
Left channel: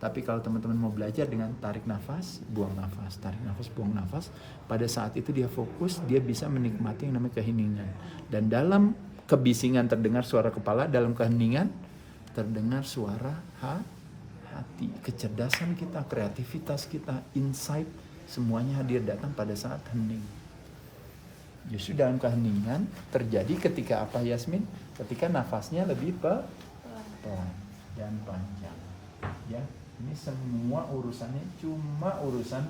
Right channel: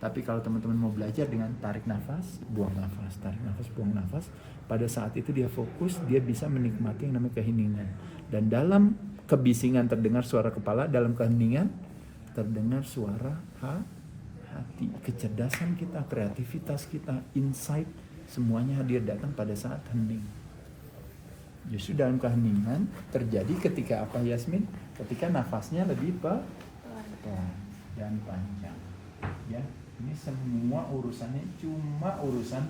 Tapi kalau teman-teman mau belajar dengan tarik nafas, buang nafas, tarik nafas, buang nafas, pada saat itu dia fokus, dia bisa menikmati yang namanya keheningan. Dan dalam kebisingan terdengar suara kepala, dalam keheningan terdengar suara hati. Kecerdasan kita, kreativitas kita, insight, semuanya hadir datang pada saat hening. Justru dalam keheningan terjadi ketika apa, Yasmin? Ketika nafasnya lebih pelan dan panjang. Ya, ini semua urusannya cuma urusan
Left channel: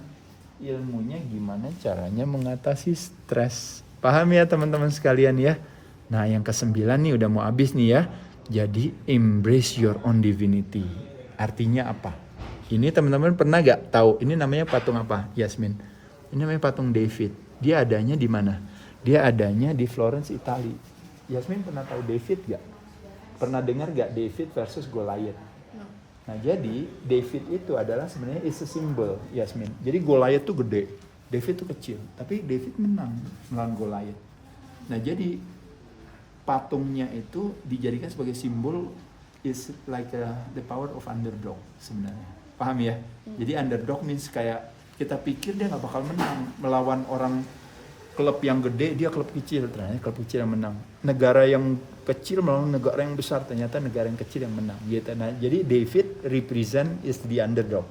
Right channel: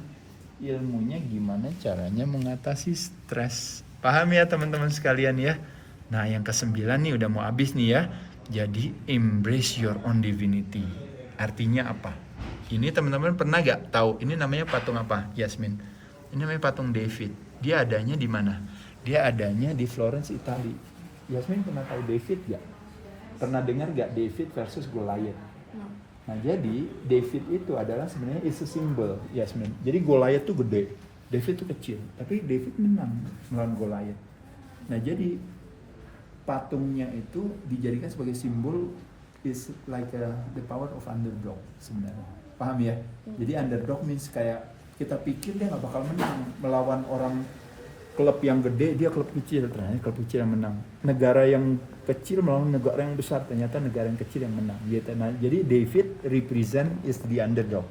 ilmunya gimana caranya mengatasi stres. Paham ya teman-teman sekalian ya? Nah, yang ke-9 nih udah mau habis nih ya. Jadi embrace your own divinity. Artinya apa? Ini teman-teman pernah gak tahu ini namanya patung apa, Yasmin? Ini namanya patung David. Dia adanya di mana? Dia adanya di Florence, Italia. Yasmin pernah tahu David gak? Pernah dengar gak David versus Goliath? No. Nah, jadi David itu adalah sebenarnya is a symbol, Yasmin. Jadi Goliath tuh gede, David tuh kecil. Tapi David menang melawan Goliath. Nah, jadi patungnya itu dijadikan sebagai simbol is like the power of underdog sebenarnya. Paham ya? Jadi underdog means kayak kita pikir dia nggak bakal menang melawan orang klub yang gede, dia klub kecil, ternyata klub kecil yang menang. Negara yang kecil melawan negara yang besar, ternyata negara yang kecil yang menang. Gitu. Nah, jadi David represent is the underdog.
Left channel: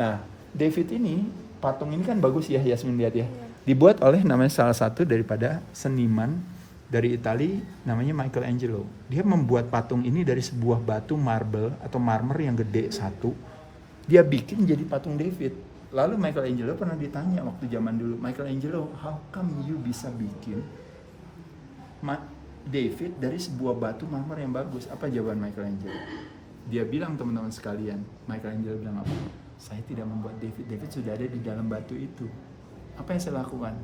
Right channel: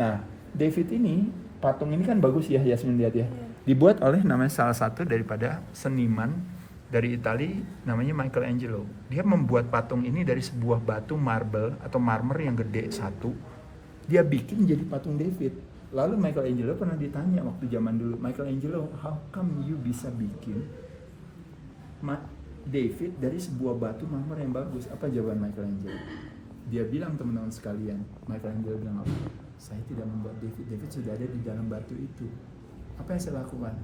Nah, David ini, patung ini kan bagus ya, Yasmin lihat ya. Dibuat oleh namanya salah satu daripada seniman dari Italia, namanya Michelangelo. Dia membuat patung ini dari sebuah batu marble atau marmer yang gede satu. Dia bikin jadi patung David. Lalu Michelangelo pernah ditanya waktu zaman dulu, Michelangelo, how come you bisa bikin David dari sebuah batu marmer yang bagus? Apa jawaban Michelangelo? Dia bilang, teman-teman sekalian, Michelangelo bilang apa? Saya tidak membuat David, David sudah ada di dalam batu itu. Apa yang saya lakukan?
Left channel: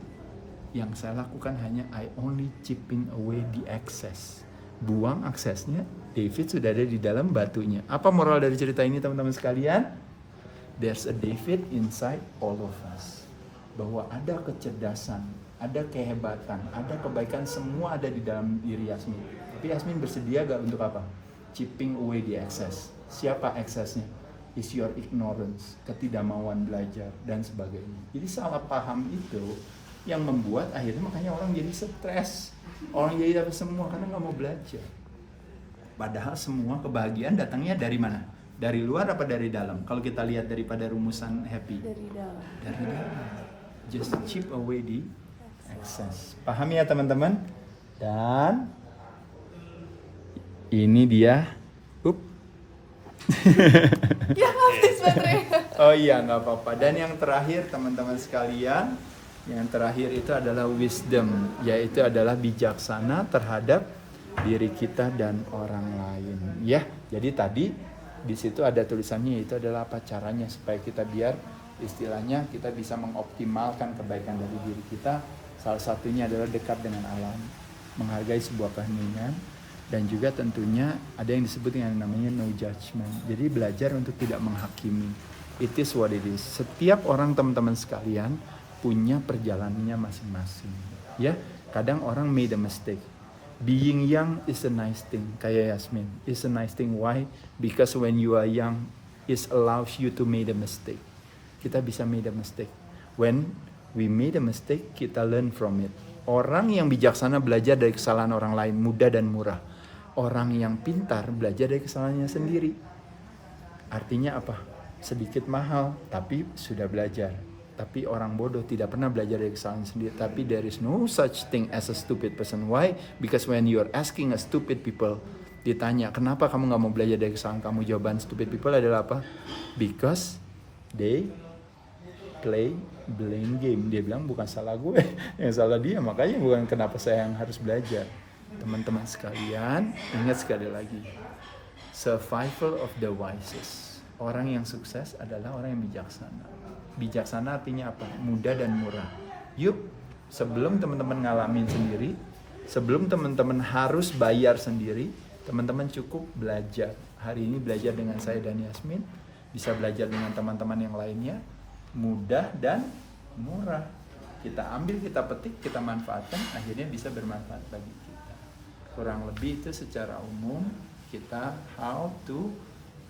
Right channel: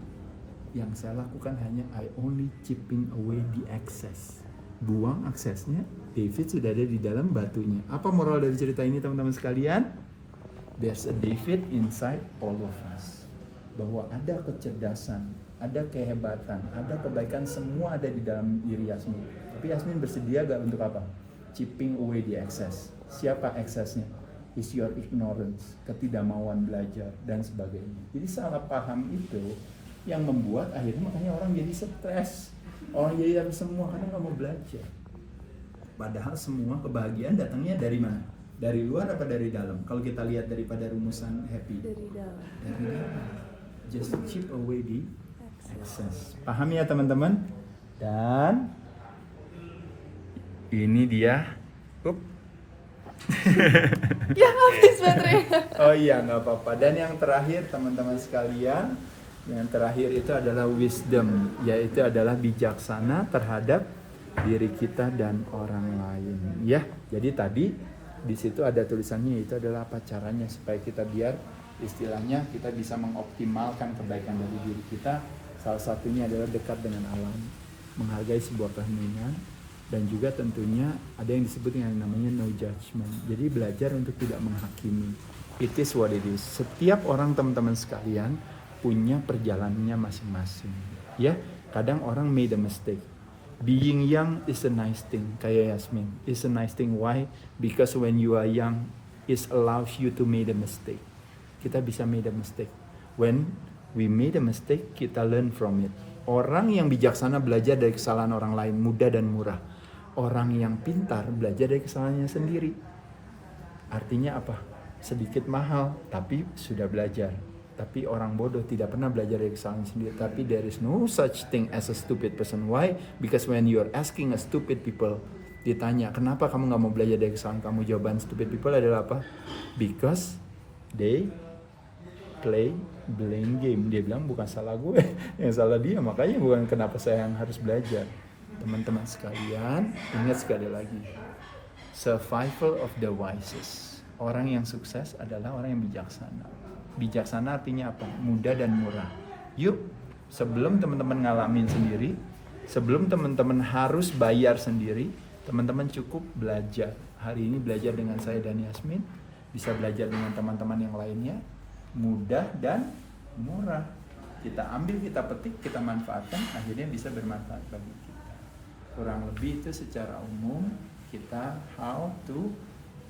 Yang saya lakukan hanya I only chipping away the excess. Buang aksesnya, David sudah ada di dalam batunya. Apa moral dari cerita ini, teman-teman sekalian? There's a David inside all of us. Bahwa ada kecerdasan, ada kehebatan, ada kebaikan, semua ada di dalam diri Yasmin. Tapi Yasmin bersedia gak untuk apa? Chipping away the excess. Siapa excessnya? Is your ignorance, ketidakmauan belajar, dan sebagainya. Jadi salah paham itu yang membuat akhirnya makanya orang jadi stres. Orang jadi apa semua karena gak mau belajar. Padahal semua kebahagiaan datangnya dari mana? Dari luar apa dari dalam? Kalau kita lihat daripada rumusan happy. Dari dalam. Dari dalam. Just chip away the excess. Paham ya teman-teman? Dan ini dia. Ya habis baterai. Oh iya, nggak apa-apa. Dan yang terakhir teman-teman sekalian, yang terakhir itu adalah wisdom, yaitu adalah bijaksana terhadap diri kita dan orang lain. Ya, jadi tadi di situ ada tulisannya, itu adalah apa caranya supaya kita biar istilahnya kita bisa mengoptimalkan kebaikan dari diri kita. Salah satunya adalah dekat dengan alam, menghargai sebuah keheningan, dan juga tentunya ada yang disebut dengan namanya no judgment. Jadi belajar untuk tidak menghakimi. It is what it is. Setiap orang, teman-teman sekalian, punya perjalanannya masing-masing. Ya, kadang orang made a mistake. Being young is a nice thing, kayak Yasmin. It's a nice thing. Why? Because when you are young, it allows you to make a mistake. Kita bisa made a mistake. When we made a mistake, kita learn from it. Orang yang bijaksana belajar dari kesalahan orang lain, mudah dan murah. Orang yang pintar belajar dari kesalahannya sendiri. Artinya apa? Sedikit mahal, tapi sudah belajar. Tapi orang bodoh tidak pernah belajar dari kesalahan sendiri. Tapi there is no such thing as a stupid person. Why? Because when you are asking a stupid people, ditanya, kenapa kamu gak mau belajar dari kesalahan kamu? Jawaban stupid people adalah apa? Because they play blame game. Dia bilang bukan salah gue, yang salah dia, makanya bukan kenapa saya yang harus belajar. Teman-teman sekalian, ingat sekali lagi, survival of the wisest. Orang yang sukses adalah orang yang bijaksana. Bijaksana artinya apa? Mudah dan murah. Yuk, sebelum teman-teman ngalamin sendiri, sebelum teman-teman harus bayar sendiri, teman-teman cukup belajar. Hari ini belajar dengan saya dan Yasmin, bisa belajar dengan teman-teman yang lainnya, mudah dan murah. Kita ambil, kita petik, kita manfaatkan, akhirnya bisa bermanfaat bagi kita. Kurang lebih itu secara umum kita how to,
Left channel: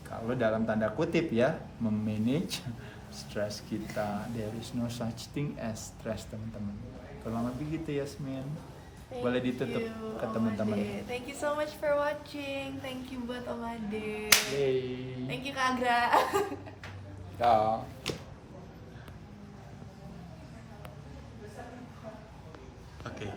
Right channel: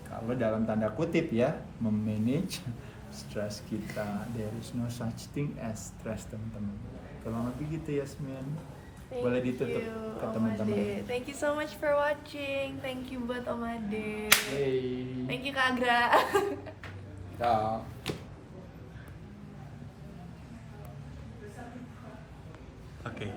kalau dalam tanda kutip ya, memanage stres kita. There is no such thing as stress, teman-teman. Kurang lebih gitu, Yasmin. Boleh ditutup ke teman-teman. Thank you so much for watching. Thank you buat Om Ade. Hey. Thank you Kak Agra. Kak. Oke.